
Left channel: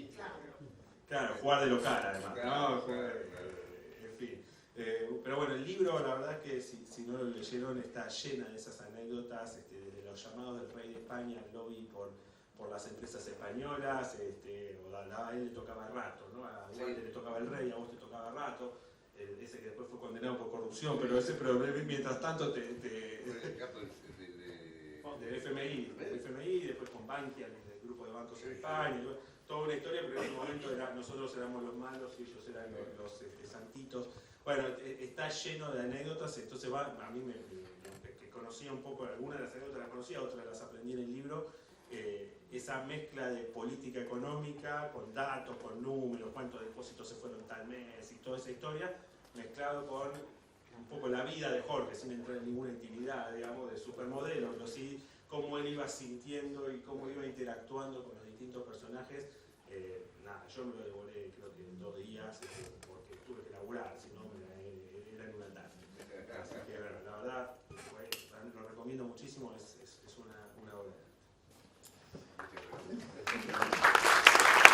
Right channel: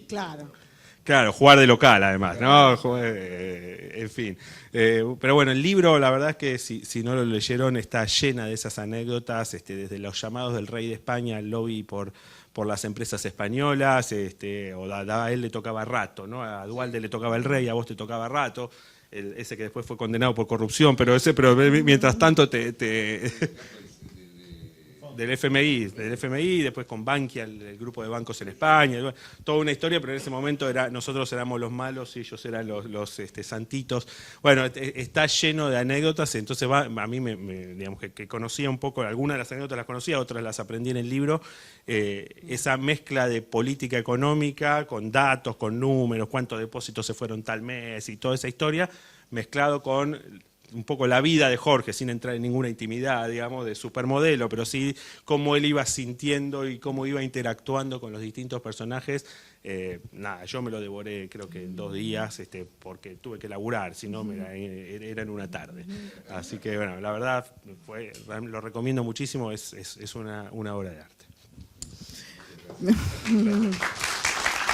Claro. Claro, jugar de local además, ¿no? En fin. Pero bueno, el libro, la verdad es que si no lo leyeron, está llena de esas anécdotas, desde los llamados del rey de España al lobby por las empresas españolas, o a él le tocaba Rato, ¿no? A Duhalde le tocaba el rey, a vos te tocaba Rato, ese que después fue condenado por corrupción, pero mientras tanto del FMI, después con Bankia, el grupo de bancos en España, toda una historia, pero en ese momento nosotros éramos los malos y ellos eran los santitos. Bueno, está lleno de anécdotas, entonces a mí digamos que conocía un poco, algunas de las anécdotas las conocía, otras las aprendí en el libro, esa mezcla de política económica, con datos, con números, cuántos depósitos se fueron tal mes y toda esa historia, mezclado con un poco la vida de Jorge, sin entrar en ninguna intimidad, digamos, de supermodelo, pero sí cómo él iba sintiendo y cómo iba interactuando con los distintos personajes. Nada, yo me lo devoré creo que en 2 días, porque tuve que laburar, si no era en una tarde. Así que bueno, la verdad, lo recomiendo muchísimo, es una obra de arte.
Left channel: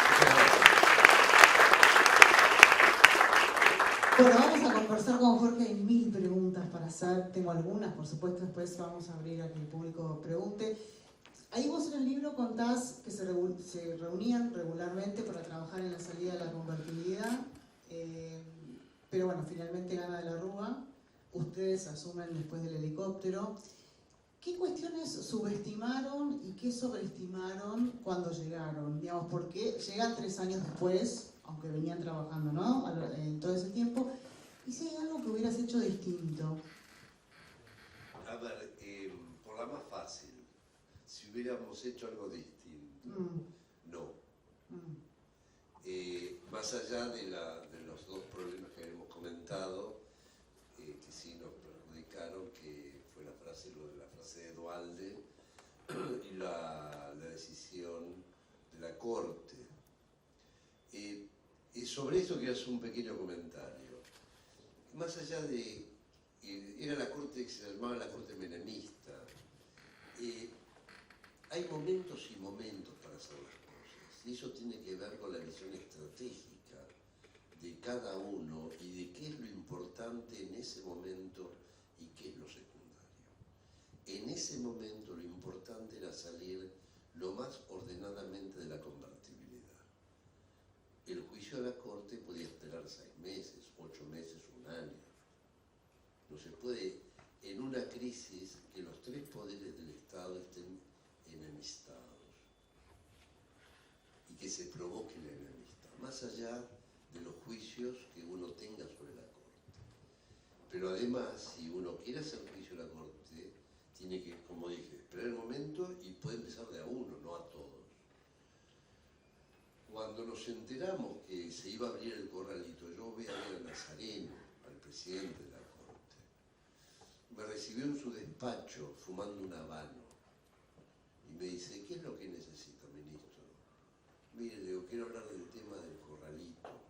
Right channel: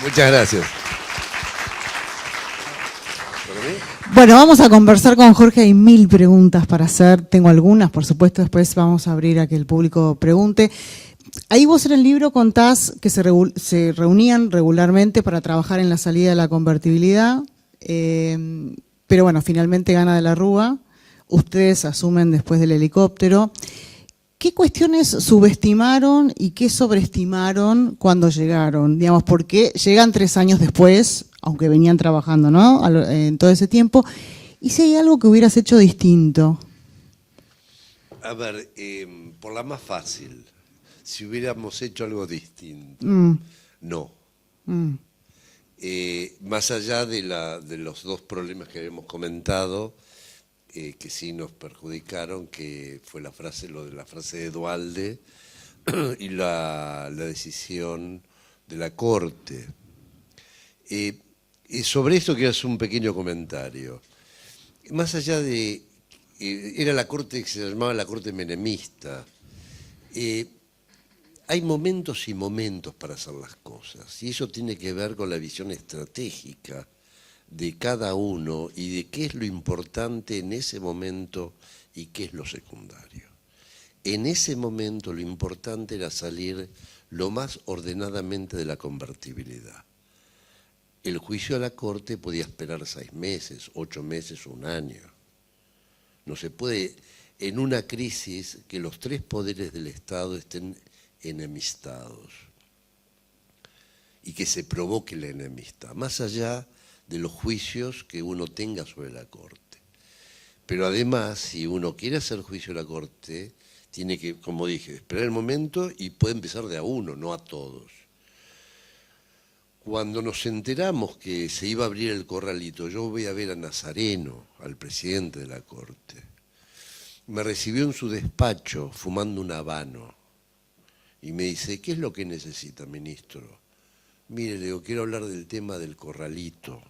Muchas gracias. Bueno, vamos a conversar con Jorge, hay 1000 preguntas para hacer, tengo algunas, por supuesto, después vamos a abrir a que el público pregunte. Ahí vos en el libro contás que se reunían regularmente para trabajar en la salida de la convertibilidad, pero bueno, finalmente gana de la Rúa, ustedes asumen después del helicóptero. ¿Qué cuestiones subestimaron y qué sobreestimaron cuando llegaron? Digamos, porque llegan 3 años después, aunque venían trabajando, ¿no? En todo ese tiempo. ¿Y si hay algo que hubieras hecho distinto? A ver, por la más fácil, si hubiéramos hecho algo distinto. No. Más allá de los 2 problemas que habíamos comentado, que sí nos perjudicaron, que fue lo de la frase de Duhalde y la decisión de la Corte. Y sobre esto quiero hacer un pequeño comentario. Más allá de... era la Corte que se llamaba la Corte menemista. Hay momentos y momentos para hacer las cosas, y eso tiene que ver con la visión estratégica de cada uno y de qué es lo importante en ese momento y qué es lo secundario. En ese momento lo importante era salir lo más ordenadamente de la convertibilidad. El juicio a la Corte podía esperar 6 meses, 8 meses, 1 año. No se puede, en una crisis, que los 3 poderes del Estado estén enemistados y que se provoque la enemistad, más allá de los juicios que uno tenga sobre la Corte. Pero además, si uno quiere hacer juicio a la Corte, tiene que, como dije, esperar el momento y puede empezar de a uno, no a todos. Cuando nos enteramos que se iba a abrir el corralito, yo voy a ver a Nazareno, al presidente de la Corte. Me recibió en su despacho fumando un habano y me dice, ¿qué es lo que necesita, ministro? Mire, le digo, quiero hablar del tema del corralito.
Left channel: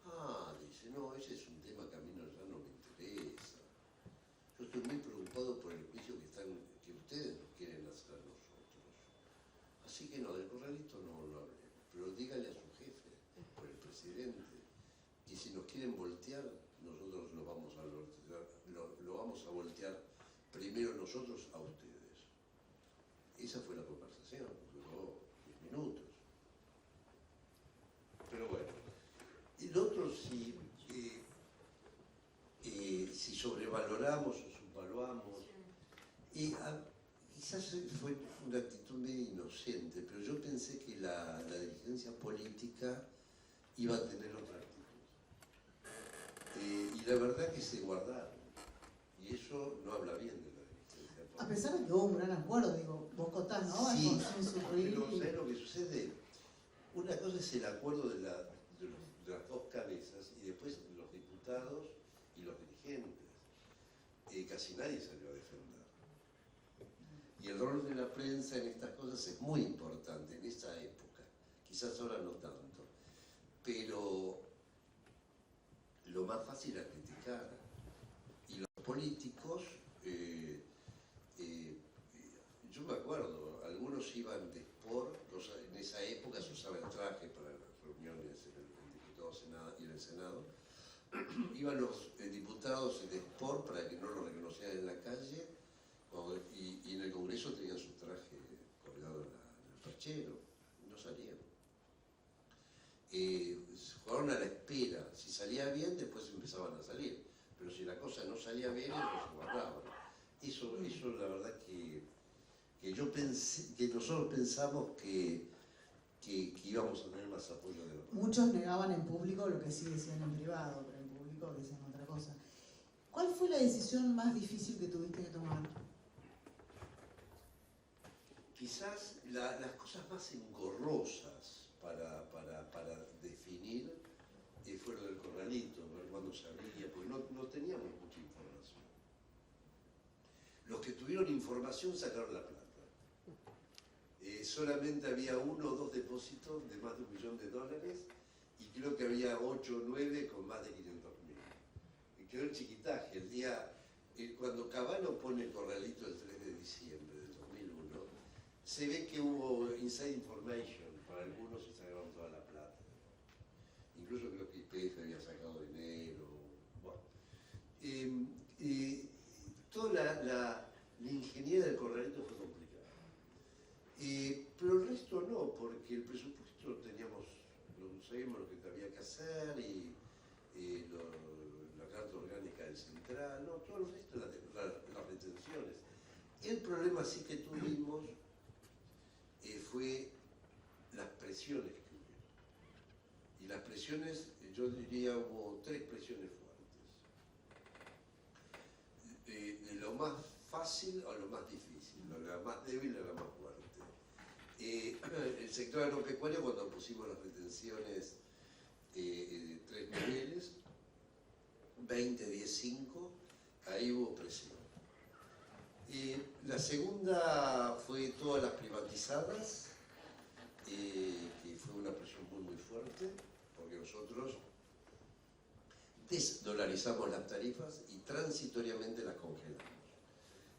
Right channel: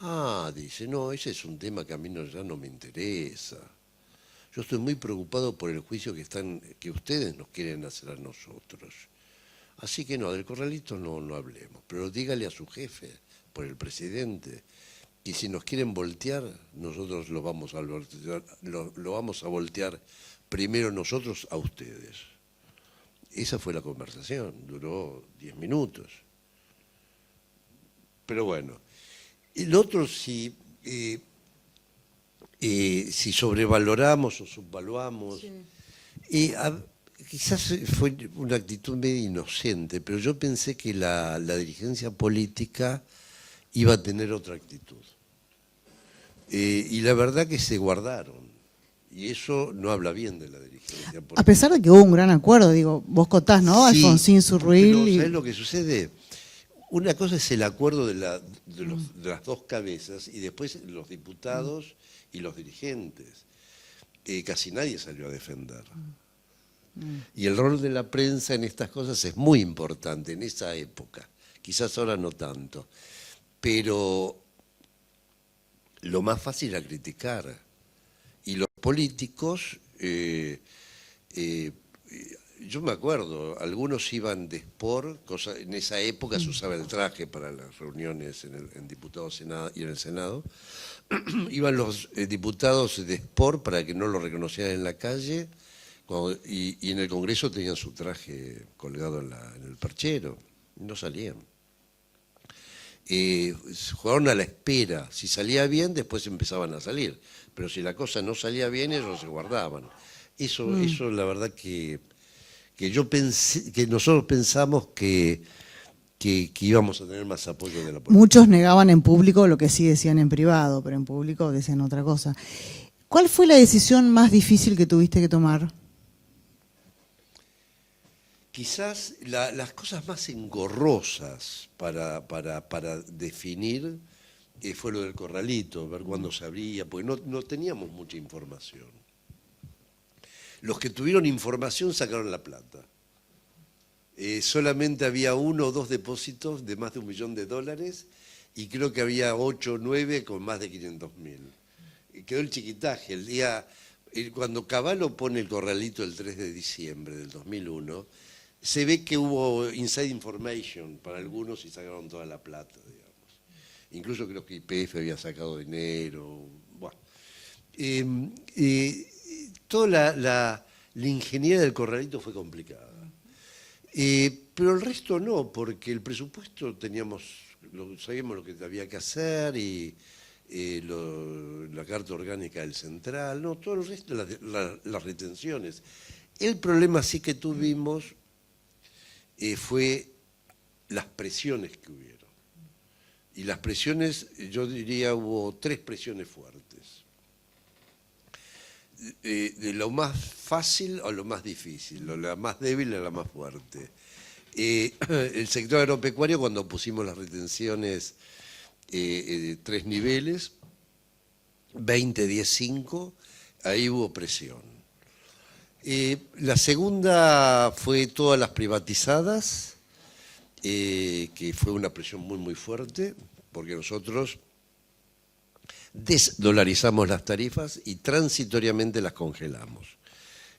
Ah, dice, no, ese es un tema que a mí ya no me interesa. Yo estoy muy preocupado por el juicio que ustedes nos quieren hacer a nosotros. Así que no, del corralito no hablemos, pero dígale a su jefe, por el presidente, y si nos quieren voltear, nosotros lo vamos a voltear primero nosotros a ustedes. Esa fue la conversación, duró 10 minutos. Pero bueno, el otro si sobrevaloramos o subvaluamos, sí. Quizás fue una actitud medio inocente, pero yo pensé que la dirigencia política iba a tener otra actitud. Y la verdad que se guardaron, y eso no habla bien de la dirigencia política. A pesar de que hubo un gran acuerdo, digo, vos contás, ¿no? Sí, Alfonsín Surruil. Pero ¿sabés lo que sucede? Una cosa es el acuerdo de las 2 cabezas y después los diputados y los dirigentes. casi nadie salió a defender. Y el rol de la prensa en estas cosas es muy importante en esa época. Quizás ahora no tanto. Pero lo más fácil era criticar. Y los políticos, yo me acuerdo, algunos iban de sport, en esa época se usaba el traje para las reuniones en diputados y en el Senado. Iban los diputados de sport para que no lo reconocieran en la calle, y en el Congreso tenían su traje colgado en el perchero, no salían. Jugaron a la espera, si salía bien después empezaban a salir, pero si la cosa no salía bien ellos se guardaban. Eso la verdad que yo pensé, que nosotros pensamos que íbamos a tener más apoyo de la política. Muchos negaban en público lo que sí decían en privado, pero en público decían otra cosa. ¿Cuál fue la decisión más difícil que tuviste que tomar? Quizás las cosas más engorrosas para definir fue lo del corralito, ver cuándo se abría, porque no teníamos mucha información. Los que tuvieron información sacaron la plata. Solamente había 1 o 2 depósitos de más de $1 millón, y creo que había 8 o 9 con más de 500.000. Quedó el chiquitaje. Cuando Cavallo pone el corralito el 3 de diciembre del 2001, se ve que hubo inside information para algunos y sacaron toda la plata, digamos. Incluso creo que YPF había sacado dinero. Bueno. Toda la ingeniería del corralito fue complicada. Pero el resto no, porque el presupuesto sabíamos lo que había que hacer, y la carta orgánica del central, no, todo el resto, las retenciones. El problema sí que tuvimos fue las presiones que hubieron. Y las presiones, yo diría, hubo 3 presiones fuertes. De lo más fácil a lo más difícil, la más débil a la más fuerte. El sector agropecuario, cuando pusimos las retenciones 3 niveles, 20, 10, 5, ahí hubo presión. La segunda fue todas las privatizadas, que fue una presión muy, muy fuerte, porque nosotros desdolarizamos las tarifas y transitoriamente las congelamos.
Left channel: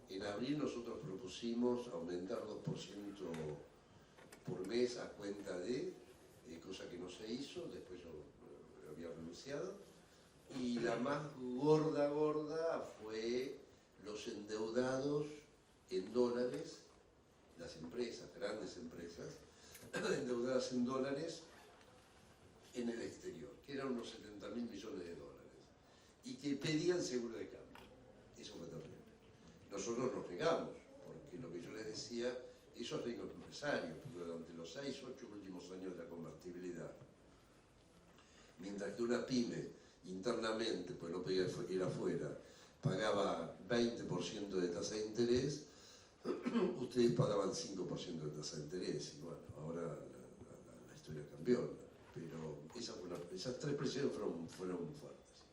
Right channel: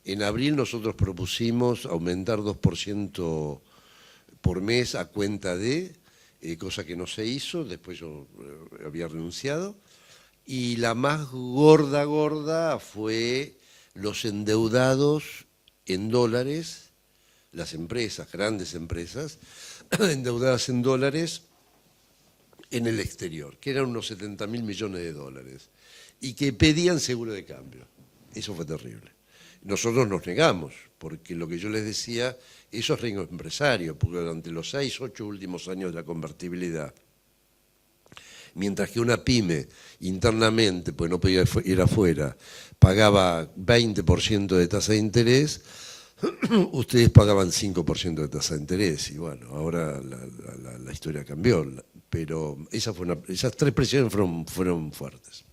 En abril nosotros propusimos aumentar 2% por mes a cuenta de, cosa que no se hizo, después yo había renunciado, y la más gorda fue los endeudados en dólares, las empresas, grandes empresas, endeudadas en dólares en el exterior, que eran unos 70.000 millones de dólares, y que pedían seguro de cambio. Eso fue terrible. Nosotros nos negamos, porque lo que yo les decía, eso es riesgo empresario, porque durante los 6, 8 últimos años de la convertibilidad, mientras que una pyme internamente, pues no podía ir afuera, pagaba 20% de tasa de interés, ustedes pagaban 5% de tasa de interés, y bueno, ahora la historia cambió, pero esas 3 presiones fueron fuertes.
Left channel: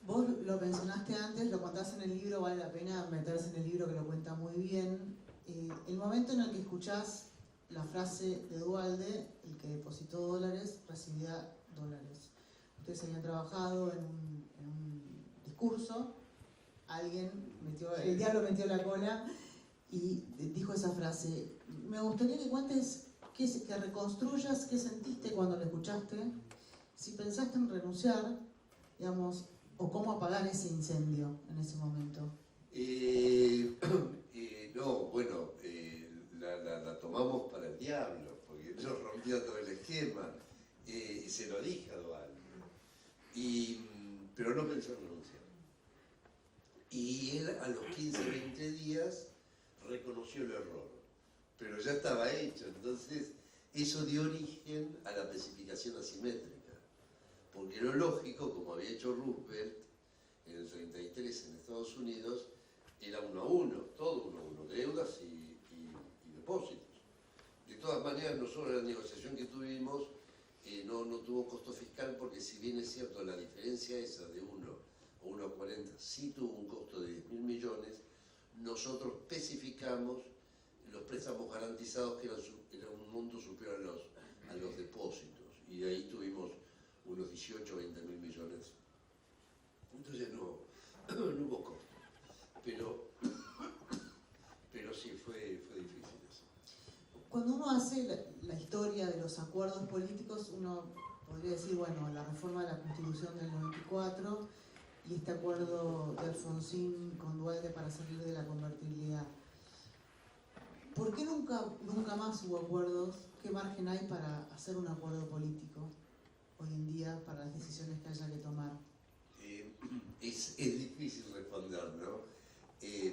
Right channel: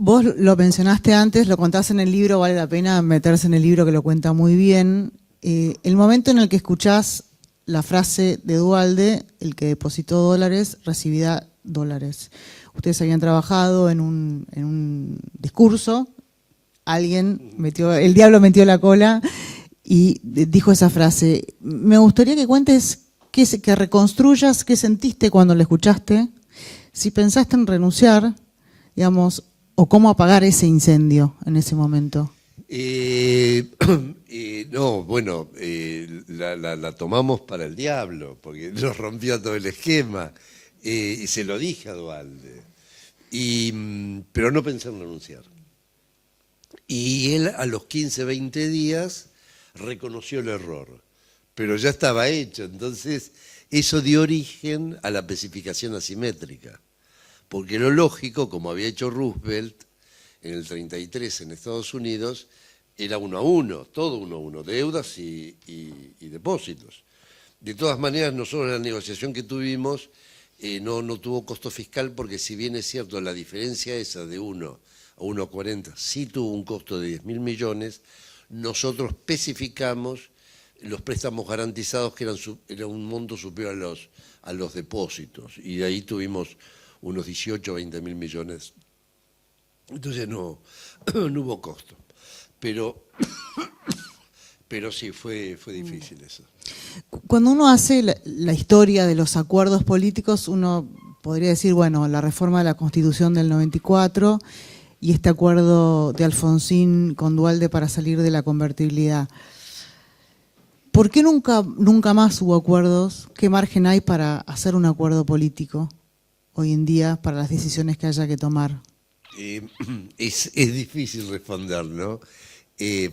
Vos lo mencionaste antes, lo contás en el libro, vale la pena meterse en el libro que lo cuenta muy bien. El momento en el que escuchás la frase de Duhalde, el que depositó dólares recibirá dólares. Ustedes habían trabajado en un discurso, el diablo metió la cola y dijo esa frase. Me gustaría que cuentes, que reconstruyas qué sentiste cuando la escuchaste, si pensaste en renunciar, digamos, o cómo apagar ese incendio en ese momento. No, bueno, la tomamos para el diablo, porque nos rompió todo el esquema, y se lo dije a Duhalde, pero no pensé en renunciar. Y él a los 15, 20 días reconoció el error, pero ya estaba hecho, entonces eso dio origen a la especificación asimétrica, porque lo lógico, como había hecho Roosevelt en el 33 en Estados Unidos, era 1 a 1, todo 1 a 1, deudas y depósitos. De todas maneras, nosotros en la negociación que tuvimos no tuvo costo fiscal, porque si bien es cierto la diferencia esa de 1 a 1,40, sí tuvo un costo de 10.000 millones, nosotros especificamos los préstamos garantizados que era un monto superior a los depósitos, y de ahí tuvimos unos 18 o 20.000 millones. Entonces no hubo costo. Pero sí, fue difícil eso. Cuando uno hace la historia de los acuerdos políticos, uno podría decir, bueno, la reforma de la Constitución del 94 y este acuerdo de Alfonsín con Duhalde para salir de la convertibilidad. ¿Por qué nunca más hubo acuerdos? ¿Qué margen hay para hacer un acuerdo político hoy en día para las decisiones que haya que tomar? Es difícil responder, ¿no?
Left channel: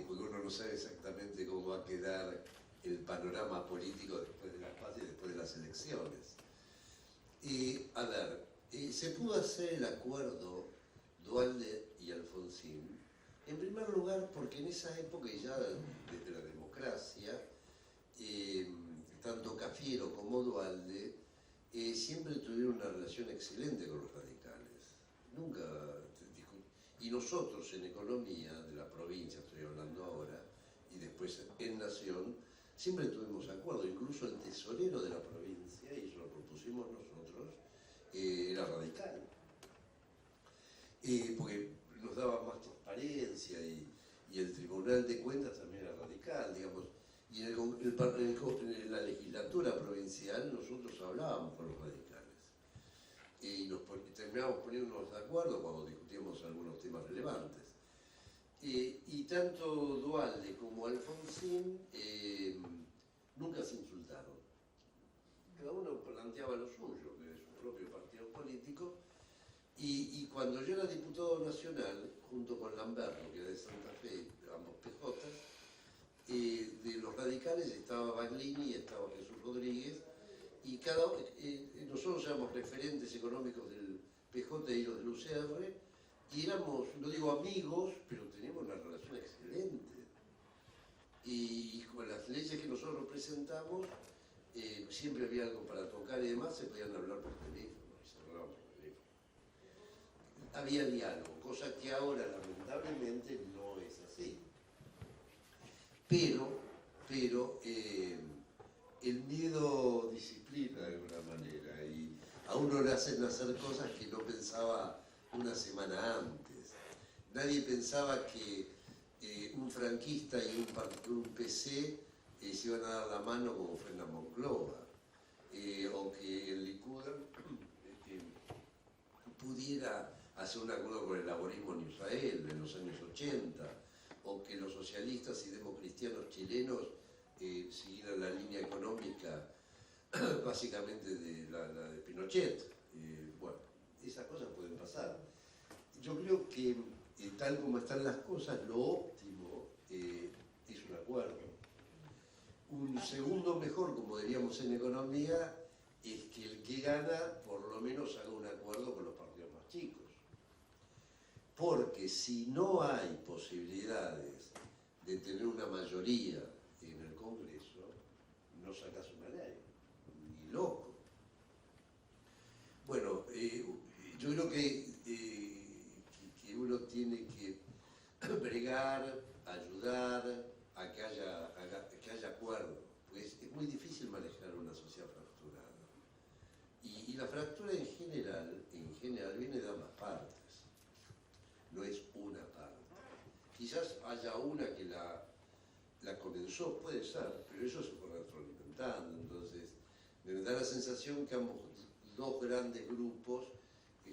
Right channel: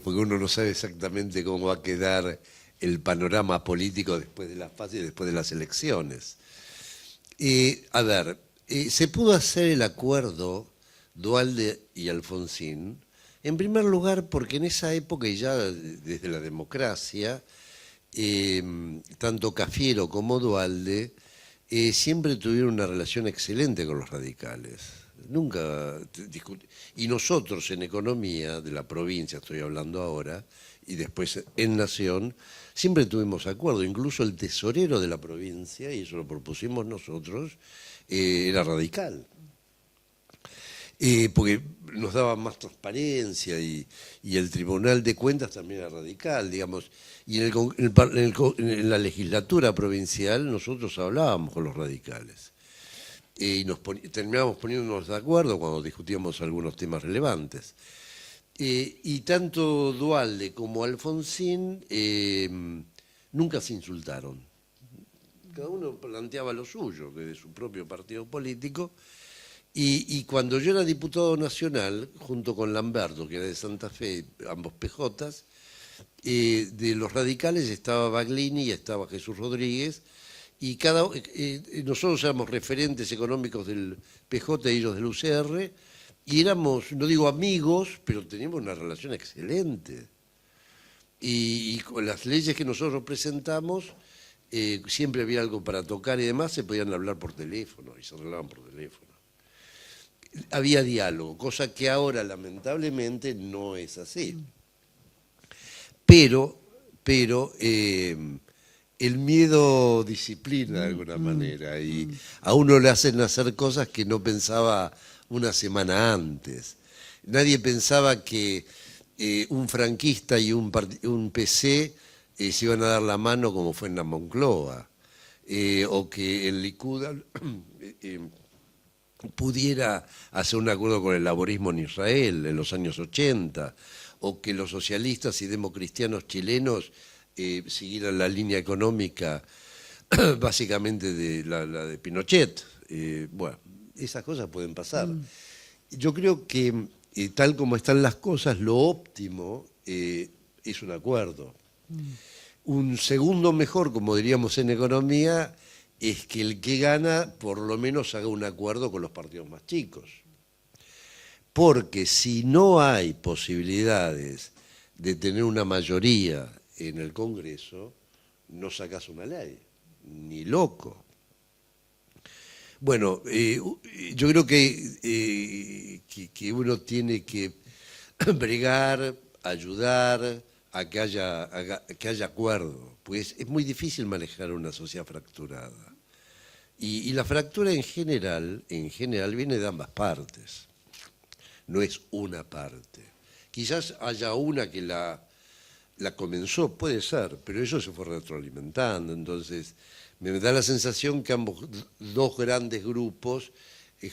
Porque uno no sabe exactamente cómo va a quedar el panorama político después de las fases y después de las elecciones. A ver, se pudo hacer el acuerdo Duhalde y Alfonsín, en primer lugar porque en esa época y ya desde la democracia, tanto Cafiero como Duhalde siempre tuvieron una relación excelente con los radicales. Nunca y nosotros en economía de la provincia, estoy hablando ahora, y después en Nación, siempre tuvimos acuerdo. Incluso el tesorero de la provincia, y eso lo propusimos nosotros, era radical. Porque nos daba más transparencia y el Tribunal de Cuentas también era radical, digamos. Y en la legislatura provincial nosotros hablábamos con los radicales. Y terminábamos poniéndonos de acuerdo cuando discutíamos algunos temas relevantes. Y tanto Duhalde como Alfonsín nunca se insultaron. Cada uno planteaba lo suyo, de su propio partido político. Y cuando yo era diputado nacional, junto con Lamberto, que era de Santa Fe, ambos PJs, de los radicales estaba Baglini y estaba Jesús Rodríguez, y nosotros éramos referentes económicos del PJ y ellos del UCR, y éramos, no digo amigos, pero teníamos una relación excelente. Y con las leyes que nosotros presentamos, siempre había algo para tocar y demás, se podían hablar por teléfono, y se arreglaban por teléfono. Había diálogo, cosa que ahora lamentablemente no es así. Pero el miedo disciplina de alguna manera y a uno le hacen hacer cosas que no pensaba una semana antes. Nadie pensaba que un franquista y un PC se iban a dar la mano como fue en la Moncloa, o que el Likud pudiera hacer un acuerdo con el laborismo en Israel en los años 80, o que los socialistas y democristianos chilenos siguieran la línea económica básicamente de la de Pinochet. Bueno, esas cosas pueden pasar. Yo creo que tal como están las cosas, lo óptimo es un acuerdo. Un segundo mejor, como diríamos en economía, es que el que gana por lo menos haga un acuerdo con los partidos más chicos. Porque si no hay posibilidades de tener una mayoría en el Congreso, no sacas una ley, ni loco. Bueno, yo creo que uno tiene que bregar, ayudar a que haya acuerdo, pues es muy difícil manejar una sociedad fracturada. Y la fractura en general viene de ambas partes, no es una parte. Quizás haya una que la comenzó, puede ser, pero eso se fue retroalimentando, entonces me da la sensación que ambos dos grandes grupos,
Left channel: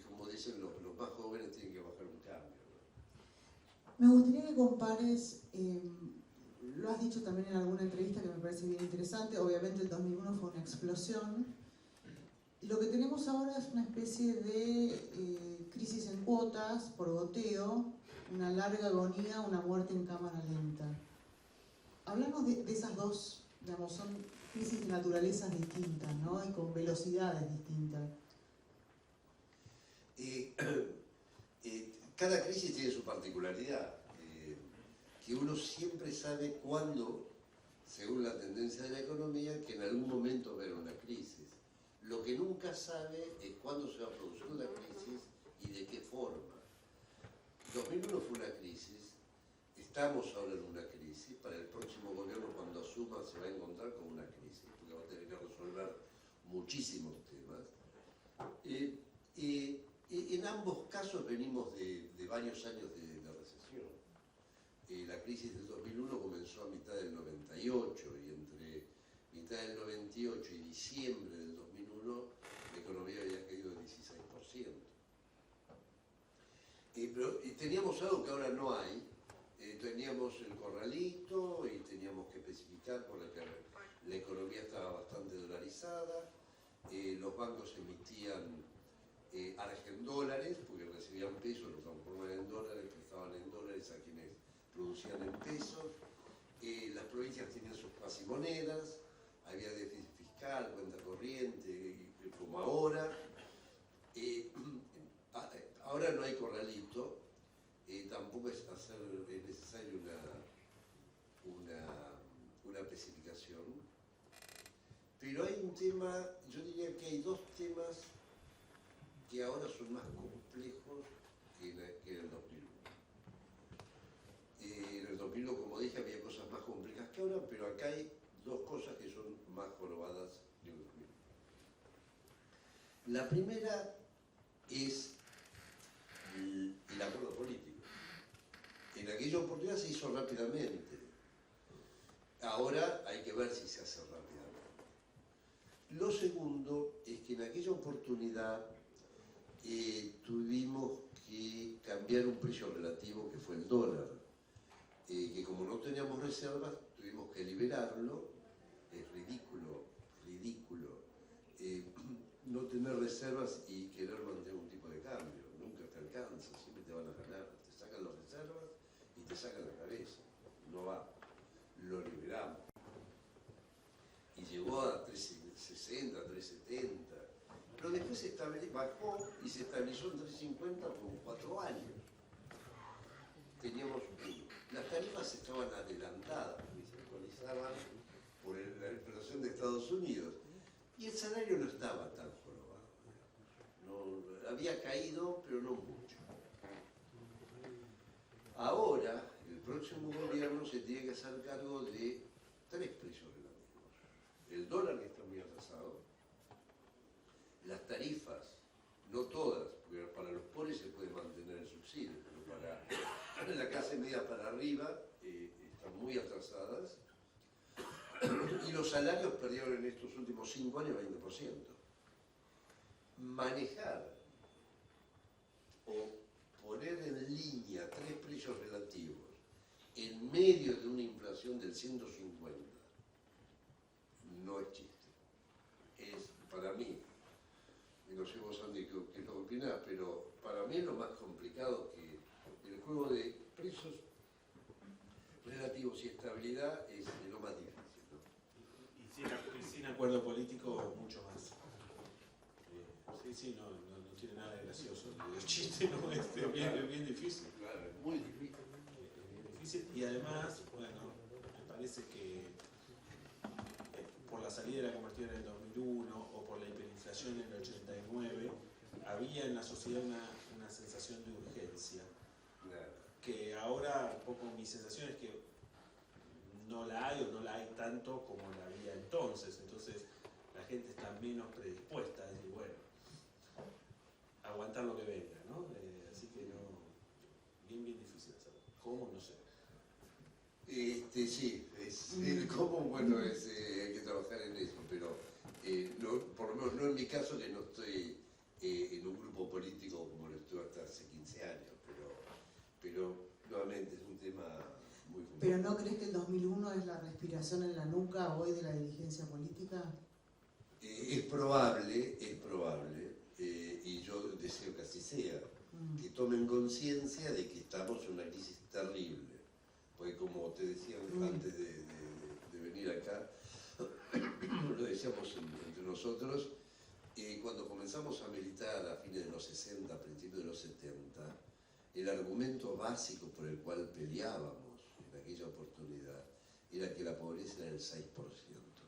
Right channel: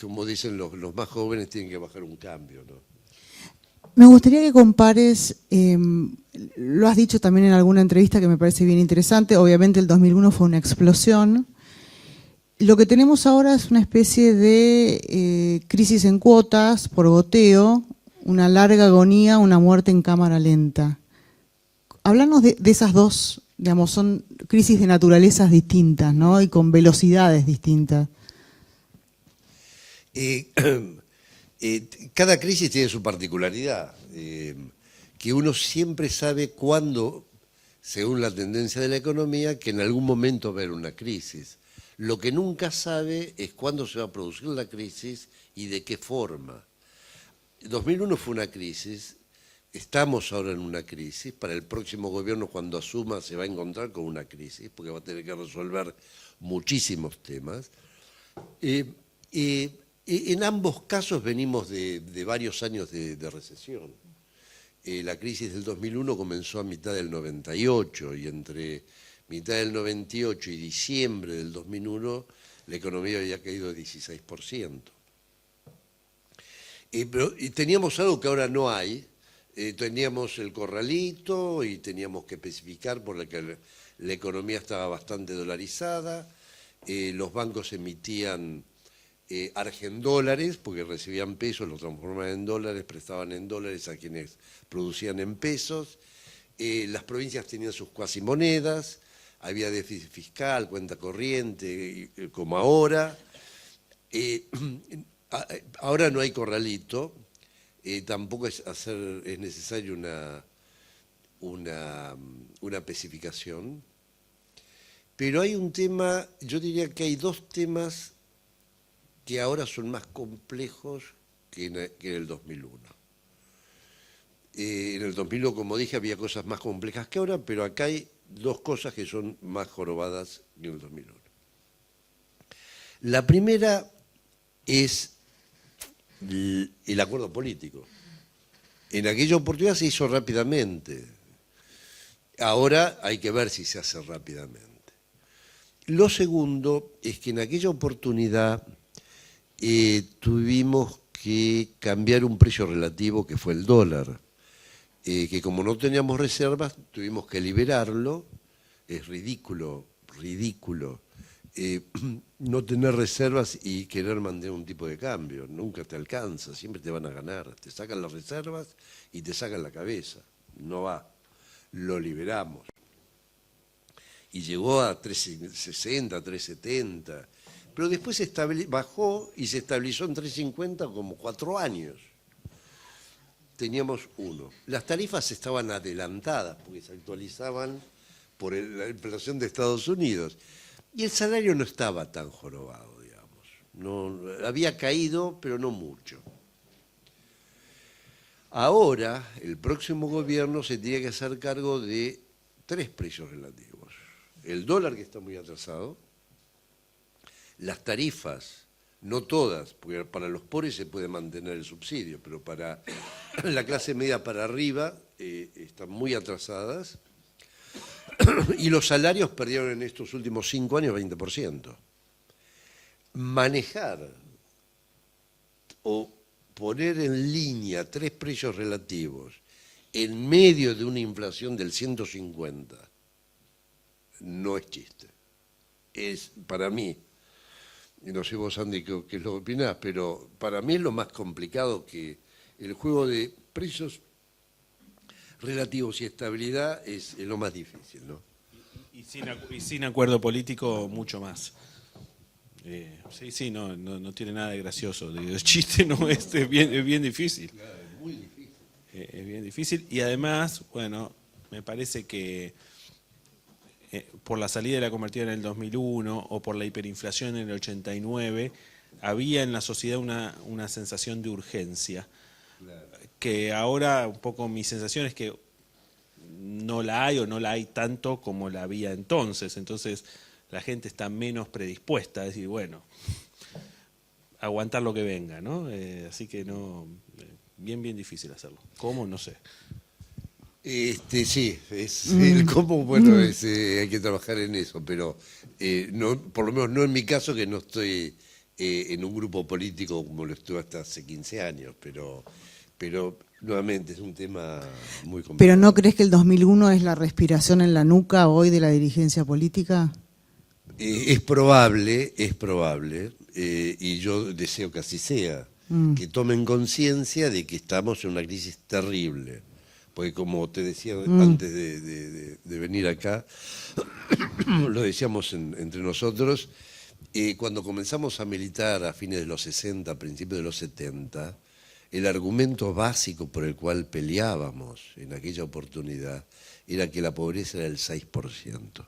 como dicen los más jóvenes, tienen que bajar un cambio, ¿no? Me gustaría que compares, lo has dicho también en alguna entrevista que me parece bien interesante, obviamente el 2001 fue una explosión. Lo que tenemos ahora es una especie de crisis en cuotas, por goteo, una larga agonía, una muerte en cámara lenta. Háblanos de esas dos, digamos, son crisis de naturalezas distintas, ¿no? Y con velocidades distintas. Cada crisis tiene su particularidad, que uno siempre sabe cuándo, según la tendencia de la economía, que en algún momento va a haber una crisis. Lo que nunca sabe es cuándo se va a producir la crisis y de qué forma. 2001 fue una crisis, estamos ahora en una crisis, para el próximo gobierno cuando asuma se va a encontrar con una crisis, porque va a tener que resolver muchísimos temas. En ambos casos venimos de varios años de recesión. La crisis del 2001 comenzó a mitad del 98 y entre mitad del 98 y diciembre del 2001 la economía había caído 16%. Y teníamos algo que ahora no hay, teníamos el corralito y teníamos que especificar por la que la economía estaba bastante dolarizada, los bancos emitían argendólares porque recibían pesos, los transformaban en dólares, prestaban en dólares a quienes producían en pesos, las provincias tenían sus cuasimonedas, había déficit fiscal, cuenta corriente, como ahora. Ahora no hay corralito, tampoco es necesario una especificación, pero hay un tema, yo diría que hay dos temas que ahora son más complejos que en el 2001. En el 2001, como dije, había cosas más complejas que ahora, pero acá hay dos cosas que son más jorobadas que en el 2001. La primera es el acuerdo político. En aquella oportunidad se hizo rápidamente. Ahora hay que ver si se hace rápidamente. Lo segundo es que en aquella oportunidad tuvimos que cambiar un precio relativo que fue el dólar, que como no teníamos reservas tuvimos que liberarlo. Es ridículo no tener reservas y querer mantener un tipo de cambio. Nunca te alcanza, siempre te van a ganar. Te sacan las reservas y te sacan la cabeza. No va. Lo liberamos. Y llegó a 360, 370. Pero después bajó y se estabilizó en 350 como 4 años. Teníamos uno. Las tarifas estaban adelantadas porque se actualizaban por la inflación de Estados Unidos. Y el salario no estaba tan jorobado, digamos. No, había caído, pero no mucho. Ahora, el próximo gobierno se tiene que hacer cargo de 3 precios relativos. El dólar, que está muy atrasado, las tarifas, no todas, porque para los pobres se puede mantener el subsidio, pero para la clase media para arriba están muy atrasadas, y los salarios perdieron en estos últimos 5 años 20%. Manejar o poner en línea 3 precios relativos en medio de una inflación del 150 no es chiste. Es, para mí, y no sé vos, Andy, qué es lo que opinás, pero para mí es lo más complicado, que el juego de precios relativos y estabilidad es lo más difícil, ¿no? Y sin acuerdo político, mucho más. Sí, no tiene nada de gracioso. El chiste no es bien difícil. Claro, es muy difícil. Es bien difícil. Y además, bueno, me parece que por la salida de la convertida en el 2001 o por la hiperinflación en el 89, había en la sociedad una sensación de urgencia. Claro. Que ahora un poco mi sensación es que no la hay o no la hay tanto como la había entonces. Entonces la gente está menos predispuesta a decir, bueno, aguantar lo que venga, ¿no? Así que no, bien difícil hacerlo. ¿Cómo? No sé. Sí, es el cómo, bueno, hay que trabajar en eso, pero no, por lo menos no en mi caso, que no estoy en un grupo político como lo estuve hasta hace 15 años, pero nuevamente es un tema muy complicado. ¿Pero no crees que el 2001 es la respiración en la nuca hoy de la dirigencia política? Es probable, y yo deseo que así sea, que tomen conciencia de que estamos en una crisis terrible. Porque como te decía antes de venir acá, lo decíamos entre nosotros, cuando comenzamos a militar a fines de los 60, principios de los 70, el argumento básico por el cual peleábamos en aquella oportunidad era que la pobreza era el 6%.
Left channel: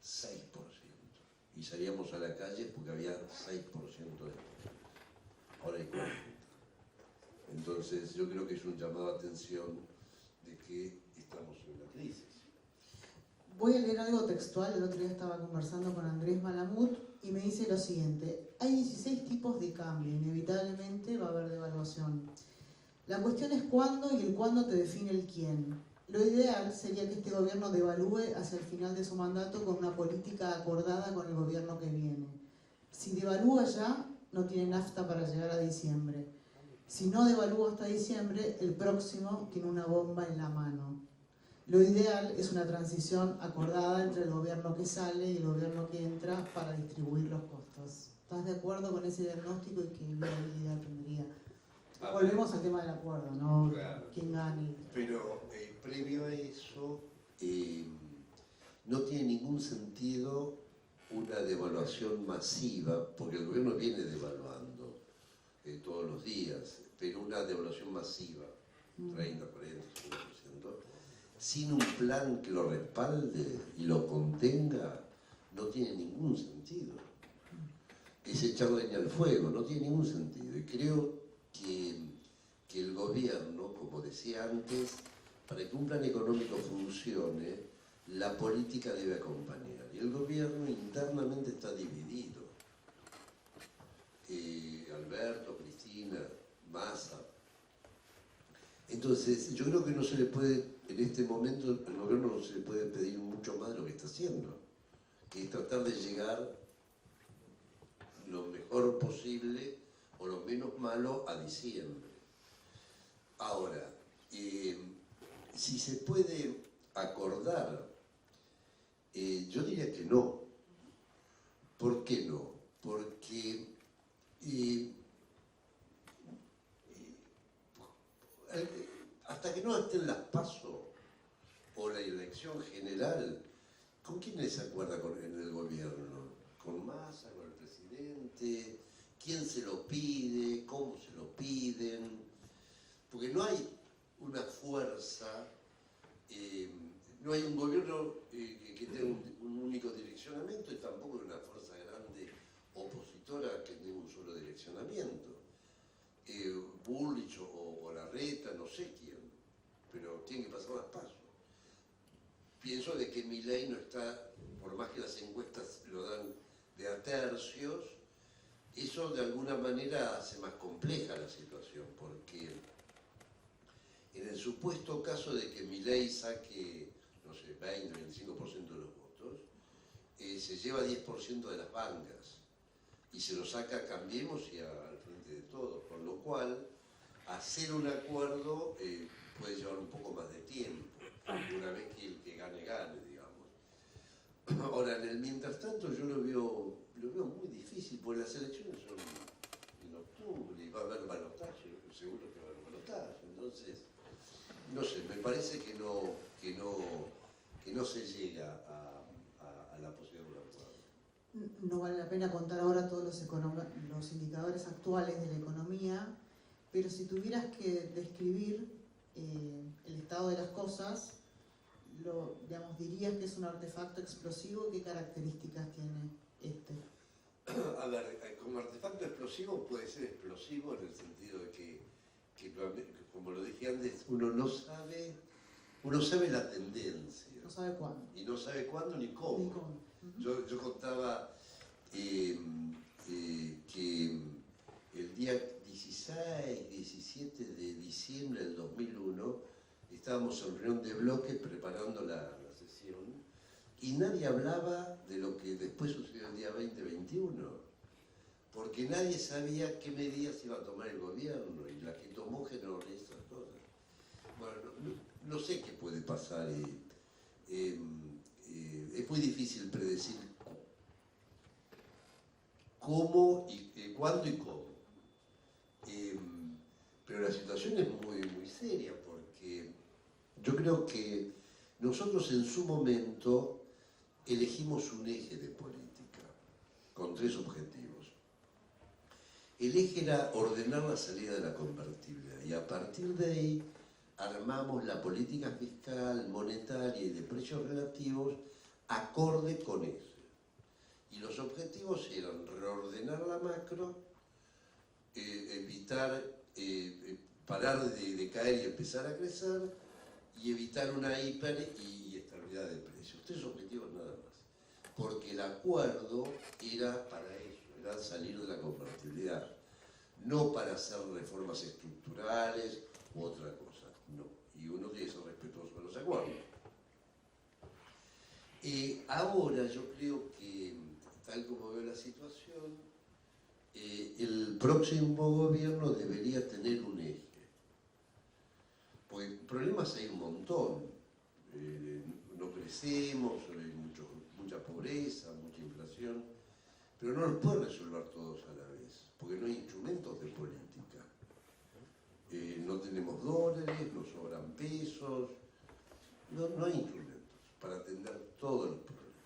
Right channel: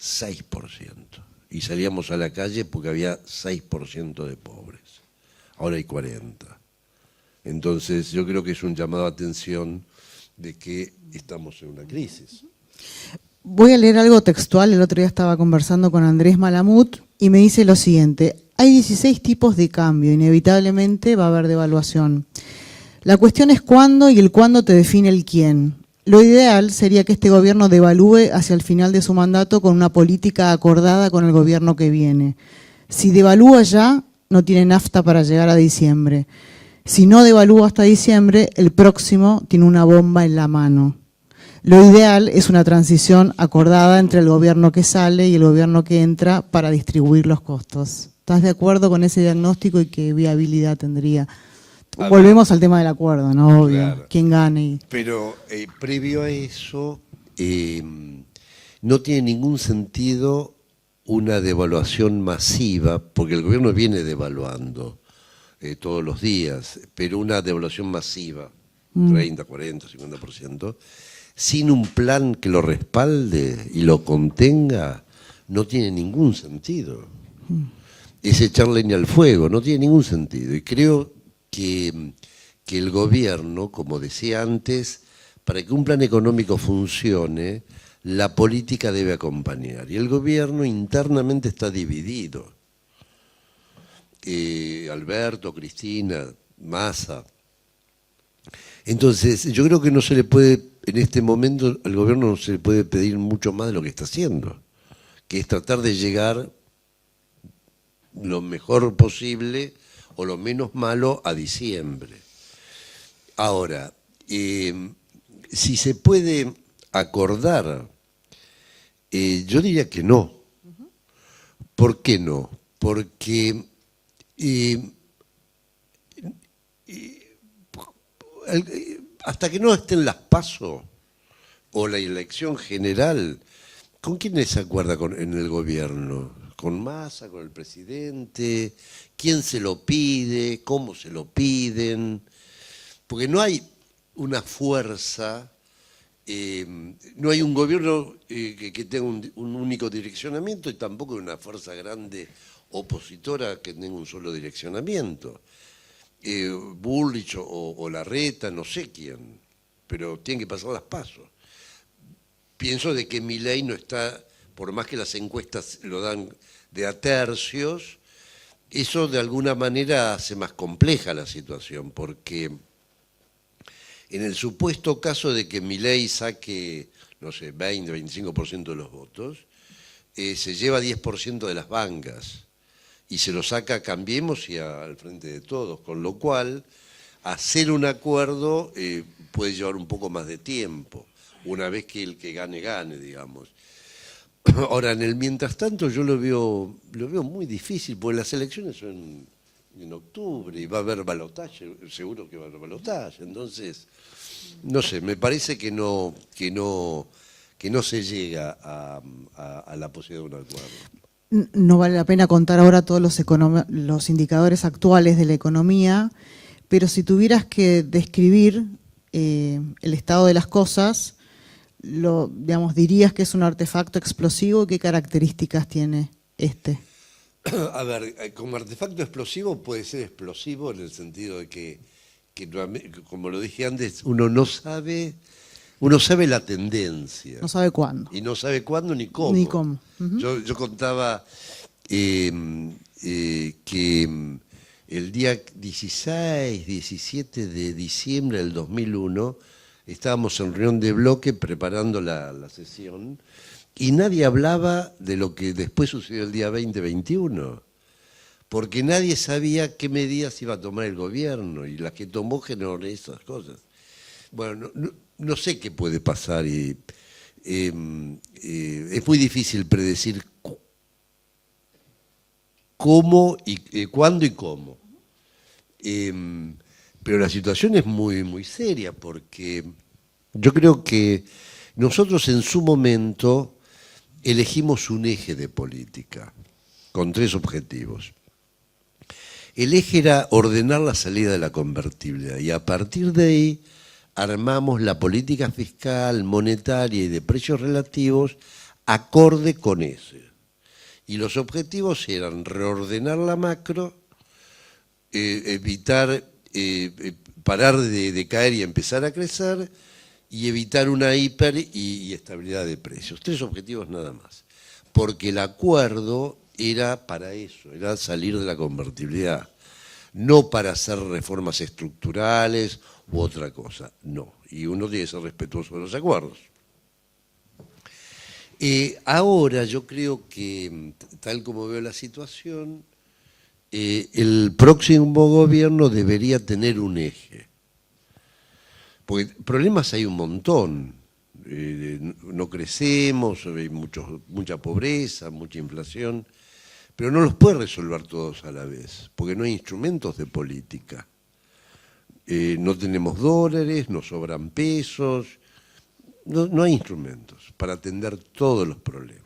6%. Y salíamos a la calle porque había 6% de pobres. Ahora hay 40%. Entonces yo creo que es un llamado a atención de que estamos en una crisis. Voy a leer algo textual. El otro día estaba conversando con Andrés Malamud y me dice lo siguiente: hay 16 tipos de cambio, inevitablemente va a haber devaluación. La cuestión es cuándo, y el cuándo te define el quién. Lo ideal sería que este gobierno devalúe hacia el final de su mandato con una política acordada con el gobierno que viene. Si devalúa ya, no tiene nafta para llegar a diciembre. Si no devalúa hasta diciembre, el próximo tiene una bomba en la mano. Lo ideal es una transición acordada entre el gobierno que sale y el gobierno que entra para distribuir los costos. ¿Estás de acuerdo con ese diagnóstico y qué viabilidad tendría? Volvemos al tema del acuerdo, ¿no? Obvio. Claro. ¿Quién gane? Pero previo a eso, no tiene ningún sentido una devaluación masiva, porque el gobierno viene devaluando todos los días, pero una devaluación masiva, 30, 40, 50%, sin un plan que lo respalde y lo contenga, no tiene ningún sentido. Es echar leña al fuego, no tiene ningún sentido. Y creo que el gobierno, como decía antes, para que un plan económico funcione, la política debe acompañar. Y el gobierno internamente está dividido. Alberto, Cristina, Massa. Entonces, yo creo que no se le puede, en este momento, al gobierno no se le puede pedir mucho más de lo que está haciendo, que es tratar de llegar lo mejor posible o lo menos malo a diciembre. Ahora, si se puede acordar, yo diría que no. ¿Por qué no? Porque hasta que no estén las PASO o la elección general, ¿con quiénes se acuerda en el gobierno? ¿Con Massa, con el presidente? ¿Quién se lo pide? ¿Cómo se lo piden? Porque no hay una fuerza, no hay un gobierno que tenga un único direccionamiento y tampoco una fuerza grande opositora que tenga un solo direccionamiento. Bullrich o Larreta, no sé quién, pero tienen que pasar las PASO. Pienso de que Milei no está, por más que las encuestas lo dan de a tercios, eso de alguna manera hace más compleja la situación, porque en el supuesto caso de que Milei saque, no sé, 20, 25% de los votos, se lleva 10% de las bancas y se lo saca a Cambiemos y al Frente de Todos, con lo cual hacer un acuerdo puede llevar un poco más de tiempo, una vez que el que gane, gane, digamos. Ahora, en el mientras tanto yo lo veo muy difícil, porque las elecciones son en octubre y va a haber balotaje, seguro que va a haber balotaje. Entonces, no sé, me parece que no se llega a la posibilidad de un acuerdo. No vale la pena contar ahora todos los indicadores actuales de la economía, pero si tuvieras que describir el estado de las cosas, digamos, dirías que es un artefacto explosivo. ¿Qué características tiene este? A ver, como artefacto explosivo puede ser explosivo en el sentido de que como lo dije antes, uno sabe la tendencia. No sabe cuándo. Y no sabe cuándo ni cómo. Ni cómo. Yo contaba que el día 16, 17 de diciembre del 2001 estábamos en reunión de bloque preparando la sesión y nadie hablaba de lo que después sucedió el día 20-21, porque nadie sabía qué medidas iba a tomar el gobierno y las que tomó generó esas cosas. Bueno, no sé qué puede pasar y es muy difícil predecir cómo y cuándo y cómo. Pero la situación es muy, muy seria porque yo creo que nosotros en su momento elegimos un eje de política con 3 objetivos. El eje era ordenar la salida de la convertibilidad y a partir de ahí armamos la política fiscal, monetaria y de precios relativos acorde con ese. Y los objetivos eran reordenar la macro, evitar parar de caer y empezar a crecer, y evitar una hiper y estabilidad de precios. 3 objetivos nada más. Porque el acuerdo era para eso, era salir de la convertibilidad, no para hacer reformas estructurales u otra cosa, no. Y uno tiene que ser respetuoso de los acuerdos. Ahora yo creo que, tal como veo la situación, el próximo gobierno debería tener un eje. Porque problemas hay un montón. No crecemos, hay mucha pobreza, mucha inflación, pero no los puede resolver todos a la vez, porque no hay instrumentos de política. No tenemos dólares, nos sobran pesos, no hay instrumentos para atender todos los problemas.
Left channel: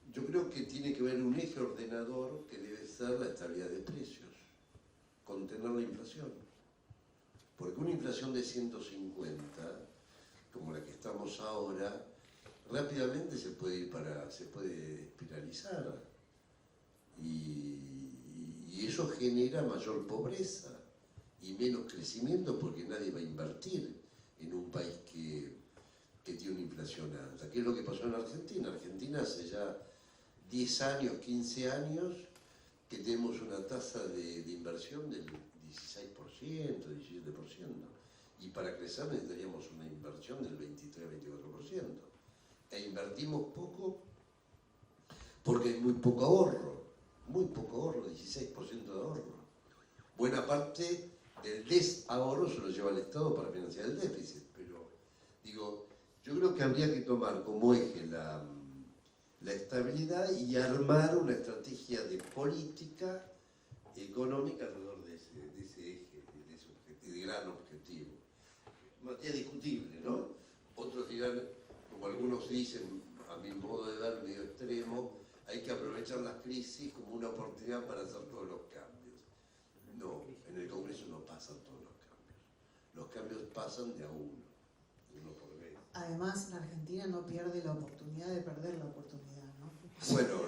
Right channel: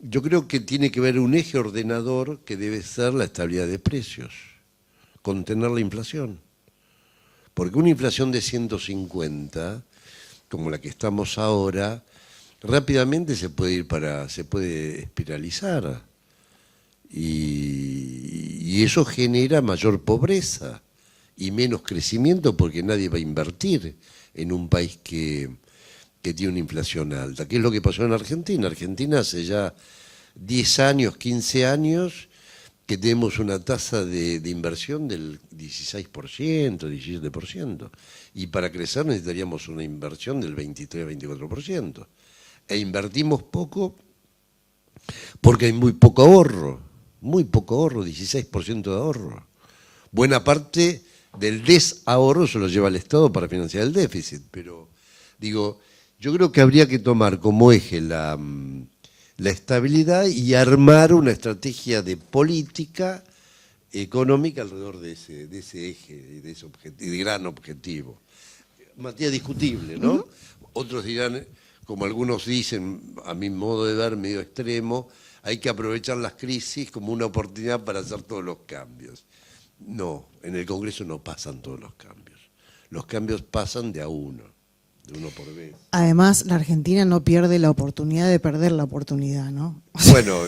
Yo creo que tiene que haber un eje ordenador que debe ser la estabilidad de precios, contener la inflación. Porque una inflación de 150, como la que estamos ahora, rápidamente se puede espiralizar. Y eso genera mayor pobreza y menos crecimiento porque nadie va a invertir en un país que tiene una inflación alta. ¿Qué es lo que pasó en Argentina? Argentina hace ya 10 años, 15 años, que tenemos una tasa de inversión del 16%, 17%. Y para crecer necesitaríamos una inversión del 23, 24%. E invertimos poco porque hay muy poco ahorro, 16% de ahorro. Buena parte del desahorro se lo lleva el Estado para financiar el déficit, pero digo, yo creo que habría que tomar como eje la estabilidad y armar una estrategia de política económica alrededor de ese eje, de gran objetivo. Materia discutible, ¿no? Otros dirán, como algunos dicen, a mi modo de ver, medio extremo, hay que aprovechar las crisis como una oportunidad para hacer todos los cambios. No, en el Congreso no pasan todos los cambios. Los cambios pasan de a uno por vez. Además, la Argentina no pierde la oportunidad de perder la oportunidad, ¿no? Bueno,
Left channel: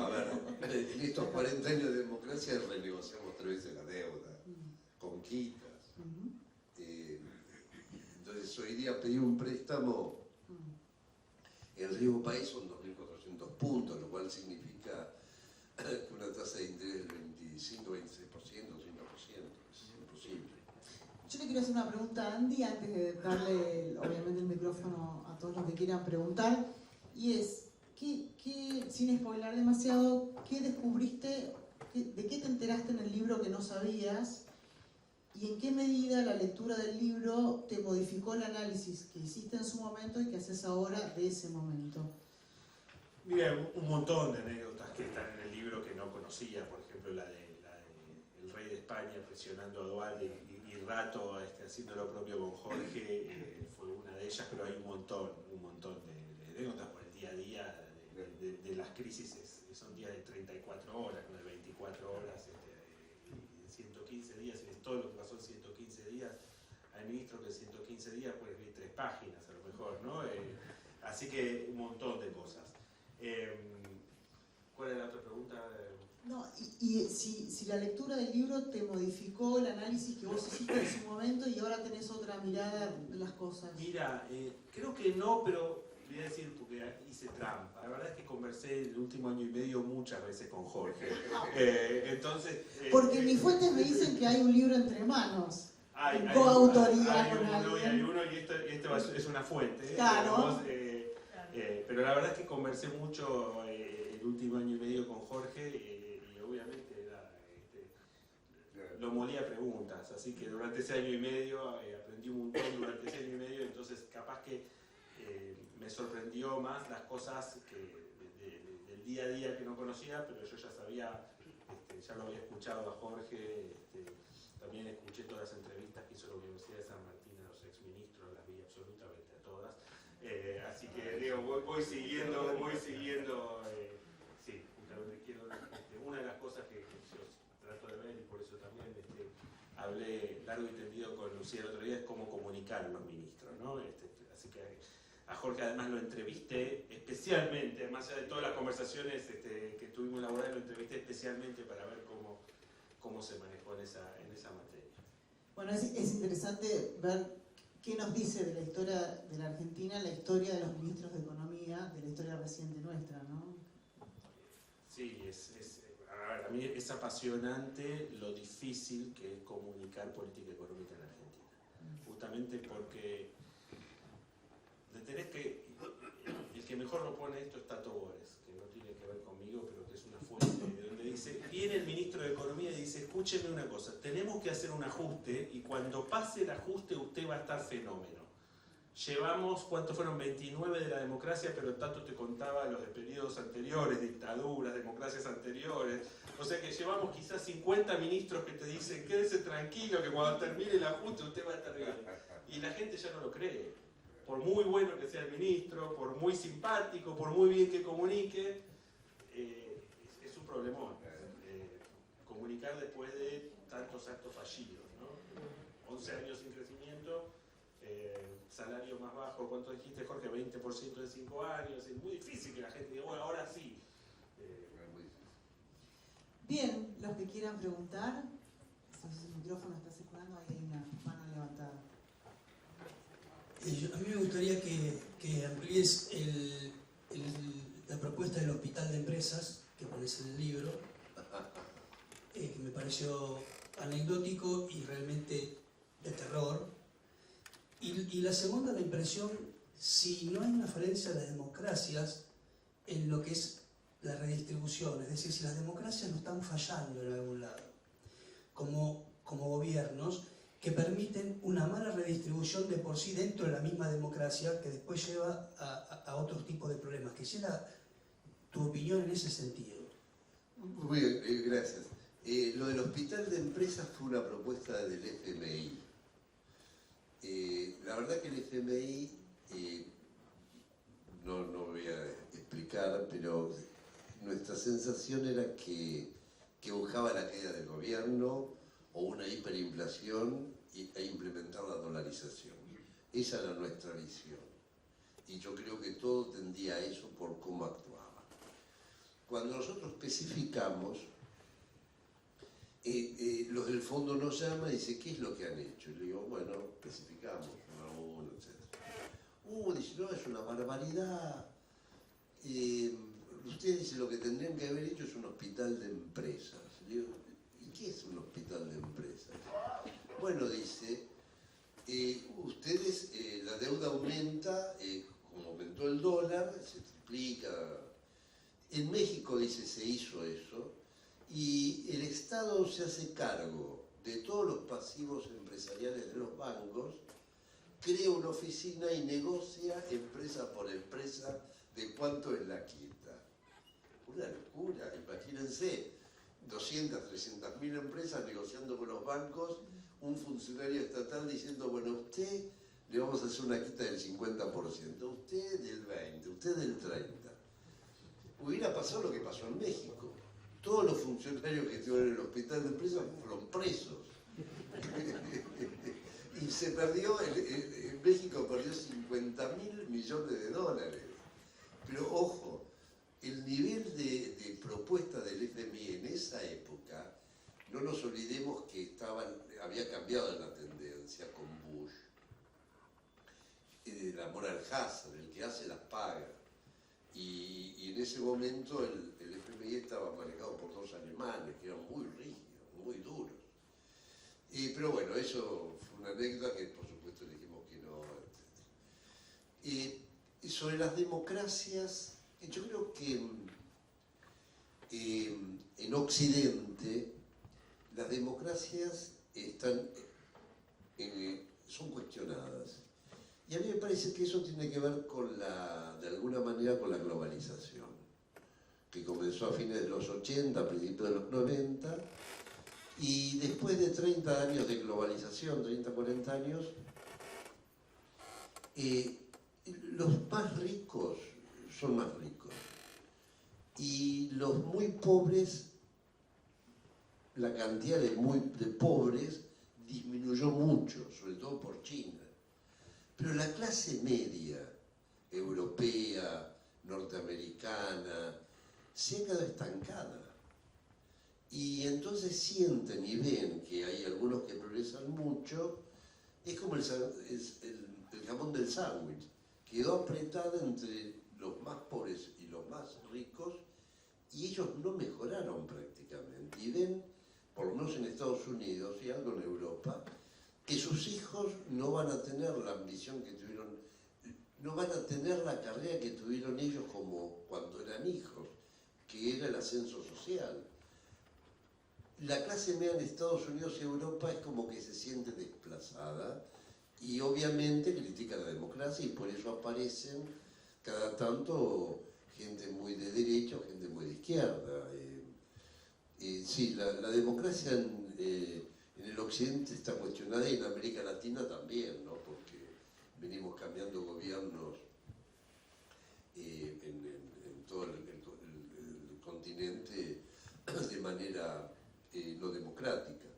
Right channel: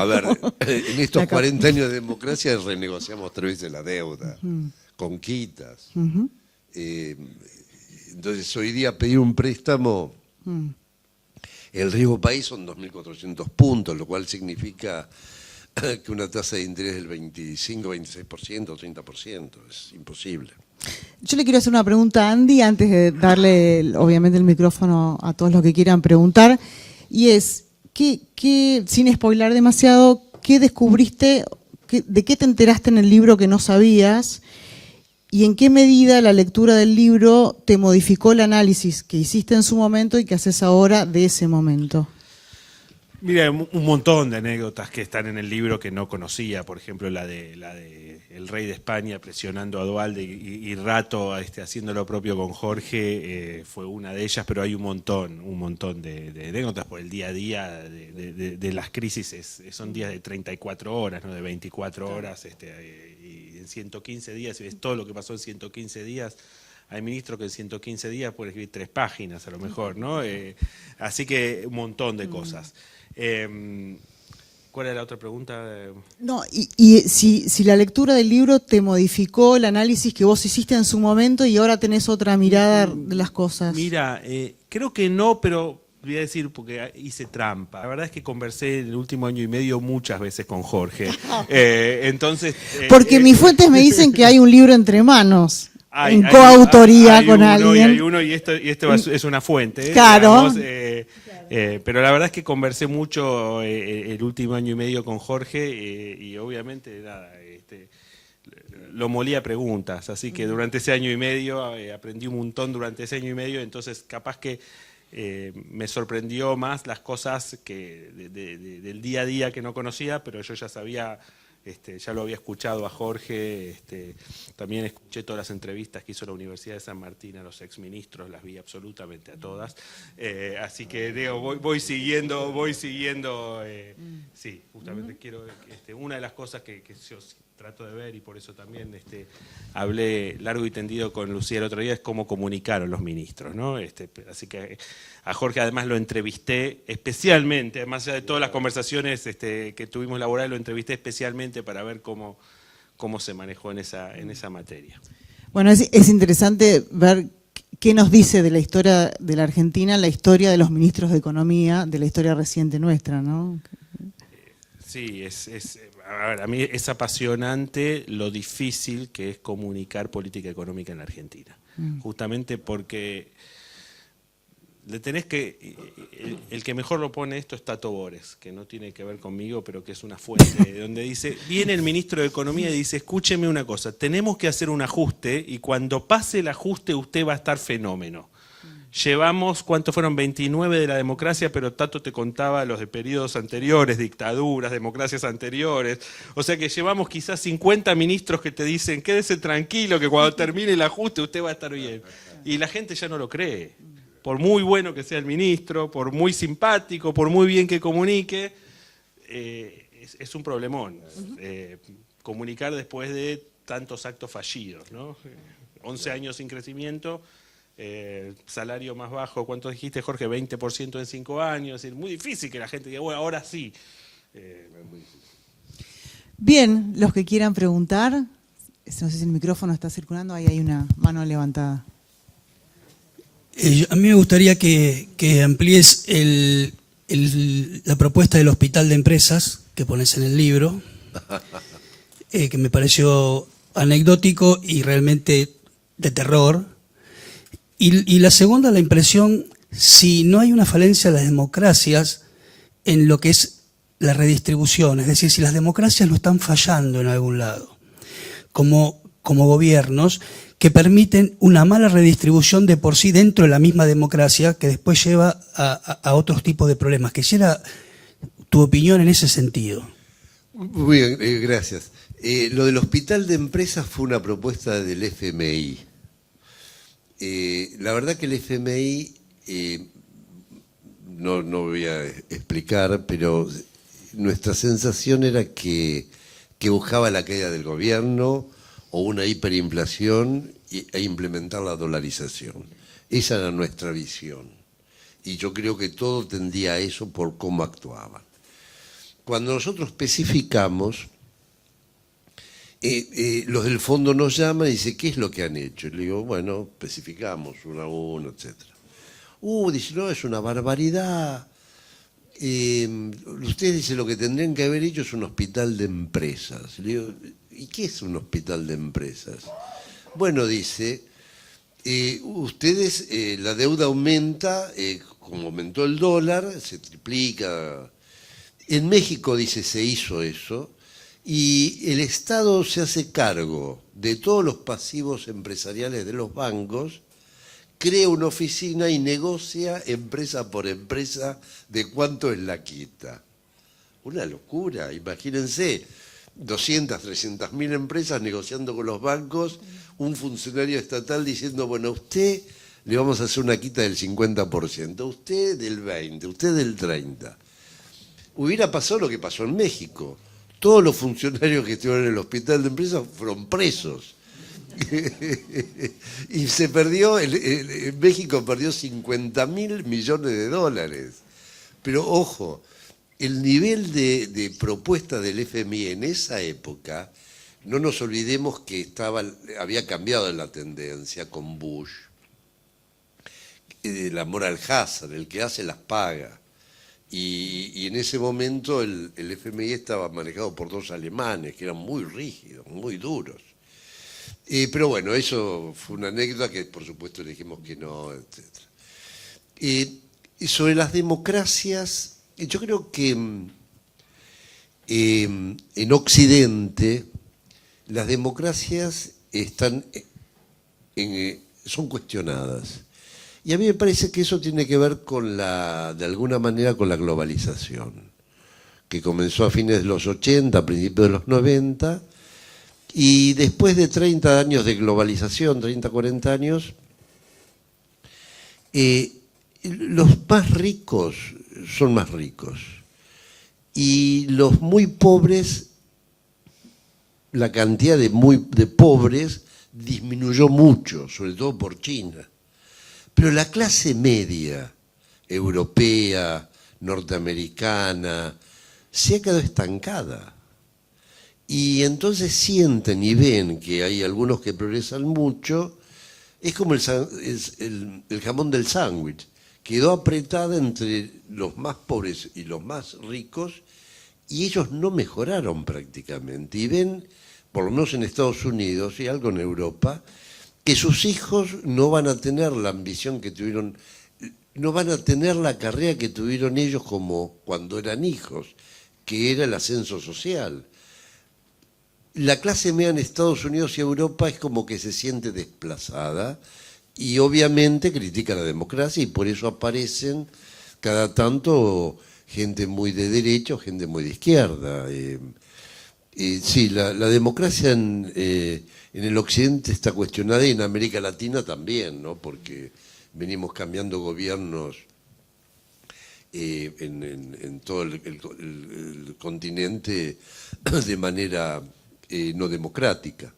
a ver, en estos 40 años de democracia renegociamos 3 veces la deuda, con quitas. Entonces, hoy día pedir un préstamo, el riesgo país son 2.400 puntos, lo cual significa que una tasa de interés del 25, 26%, 30%, es imposible. Yo le quiero hacer una pregunta a Andy antes de darle, obviamente, el micrófono a todos los que quieran preguntar. Y es, sin spoilar demasiado, ¿qué descubriste, de qué te enteraste en el libro que no sabías? ¿Y en qué medida la lectura del libro te modificó el análisis que hiciste en su momento y que haces ahora de ese momento? Mira, un montón de anécdotas que están en el libro que no conocía. Por ejemplo, la de el rey de España presionando a Duhalde y Rato haciendo lo propio con Jorge, fue una de ellas, pero hay un montón de anécdotas, por el día a día de las crisis son días de 34 horas, ¿no? De 24 horas, y en 115 días, si ves todo lo que pasó en 115 días, hay ministros que en 115 días pueden escribir 3 páginas a lo mejor, ¿no? Así que un montón de cosas. ¿Cuál era la otra pregunta? No, y si la lectura del libro te modificó el análisis que vos hiciste en su momento y ahora tenés otra mirada de las cosas. Mira, creo que no, pero voy a decir porque hice trampa. La verdad es que conversé en el último año y medio muchas veces con Jorge. Entonces, porque mis fuentes me dicen que hay un libro entre manos. En coautoría con alguien. Hay uno y esto es una fuente. Claro. Digamos, pero la verdad es que conversé mucho el último año y medio con Jorge y obviamente nada, lo molí a preguntas, así que durante ese año y medio aprendí un montón durante ese año y medio, entonces capaz que me sorprendió más las cosas que del día a día que no conocía, pero yo ya sabía. Ya lo había escuchado a Jorge, también escuché todas las entrevistas que hizo la Universidad de San Martín a los exministros, las vi absolutamente a todas, así que digo, voy siguiendo, sí, justamente quiero ver que una de las cosas que yo trato de ver y por eso también hablé largo y tendido con Lucía el otro día es cómo comunicaron los ministros, ¿no? Así que a Jorge además lo entrevisté especialmente, más allá de todas las conversaciones que tuvimos laborales, lo entrevisté especialmente para ver cómo se manejó en esa materia. Bueno, es interesante ver qué nos dice de la historia de la Argentina, la historia de los ministros de Economía, de la historia reciente nuestra, ¿no? Sí, a ver, a mí es apasionante lo difícil que es comunicar política económica en la Argentina. Justamente porque le tenés que... El que mejor lo pone esto es Tato Bores, que no tiene que ver conmigo, pero que es una fuente donde dice, viene el ministro de Economía y dice, escúcheme una cosa, tenemos que hacer un ajuste y cuando pase el ajuste usted va a estar fenómeno. Llevamos, ¿cuántos fueron? 29 de la democracia, pero Tato te contaba los de periodos anteriores, dictaduras, democracias anteriores. O sea que llevamos quizás 50 ministros que te dicen, quédese tranquilo que cuando termine el ajuste usted va a estar bien. Y la gente ya no lo cree. Por muy bueno que sea el ministro, por muy simpático, por muy bien que comunique, es un problemón. Comunicar después de tantos actos fallidos, ¿no? 11 años sin crecimiento. Salario más bajo, ¿cuánto dijiste, Jorge? 20% en 5 años. Es decir, muy difícil que la gente diga, bueno, ahora sí. Bien, los que quieran preguntar, no sé si el micrófono está circulando, ahí hay una mano levantada. A mí me gustaría que amplíes la propuesta del hospital de empresas que pones en el libro, que me pareció anecdótico y realmente de terror. Y la segunda, la impresión, si no hay una falencia de las democracias en lo que es la redistribución, es decir, si las democracias no están fallando en algún lado, como gobiernos que permiten una mala redistribución de por sí dentro de la misma democracia que después lleva a otros tipos de problemas. Quisiera tu opinión en ese sentido. Muy bien, gracias. Lo del hospital de empresas fue una propuesta del FMI. La verdad que el FMI, no voy a explicar, pero nuestra sensación era que buscaba la caída del gobierno o una hiperinflación e implementar la dolarización. Esa era nuestra visión. Y yo creo que todo tendía a eso por cómo actuaban. Cuando nosotros especificamos, los del fondo nos llaman y dicen, ¿qué es lo que han hecho? Y le digo, bueno, especificamos uno a uno, etc. Dice, no, es una barbaridad. Ustedes dicen, lo que tendrían que haber hecho es un hospital de empresas. Le digo, ¿y qué es un hospital de empresas? Bueno, dice, ustedes, la deuda aumenta, como aumentó el dólar, se triplica. En México, dice, se hizo eso. Y el Estado se hace cargo de todos los pasivos empresariales de los bancos, crea una oficina y negocia empresa por empresa de cuánto es la quita. Una locura, imagínense, 200, 300.000 empresas negociando con los bancos, un funcionario estatal diciendo, bueno, a usted le vamos a hacer una quita del 50%, a usted del 20%, a usted del 30%. Hubiera pasado lo que pasó en México. Todos los funcionarios que estuvieron en el hospital de empresas fueron presos. Y se perdió, México perdió 50.000 millones de dólares. Pero ojo, el nivel de propuesta del FMI en esa época, no nos olvidemos que había cambiado la tendencia con Bush. La moral hazard, el que hace las paga. Y en ese momento el FMI estaba manejado por dos alemanes que eran muy rígidos, muy duros. Pero bueno, eso fue una anécdota que por supuesto le dijimos que no, etc. Y sobre las democracias, yo creo que en Occidente las democracias son cuestionadas. Y a mí me parece que eso tiene que ver de alguna manera con la globalización, que comenzó a fines de los 80, a principios de los 90, y después de 30 años de globalización, 30, 40 años, los más ricos son más ricos, y los muy pobres, la cantidad de pobres disminuyó mucho, sobre todo por China. Pero la clase media, europea, norteamericana, se ha quedado estancada. y entonces sienten y ven que hay algunos que progresan mucho. Es como el jamón del sándwich. Quedó apretada entre los más pobres y los más ricos y ellos no mejoraron prácticamente. Y ven, por lo menos en Estados Unidos y algo en Europa, que sus hijos no van a tener la ambición que tuvieron, no van a tener la carrera que tuvieron ellos como cuando eran hijos, que era el ascenso social. La clase media en Estados Unidos y Europa es como que se siente desplazada y obviamente critica la democracia y por eso aparecen cada tanto gente muy de derecha o gente muy de izquierda. Sí, la democracia en el Occidente está cuestionada y en América Latina también, ¿no? Porque venimos cambiando gobiernos en todo el continente de manera no democrática.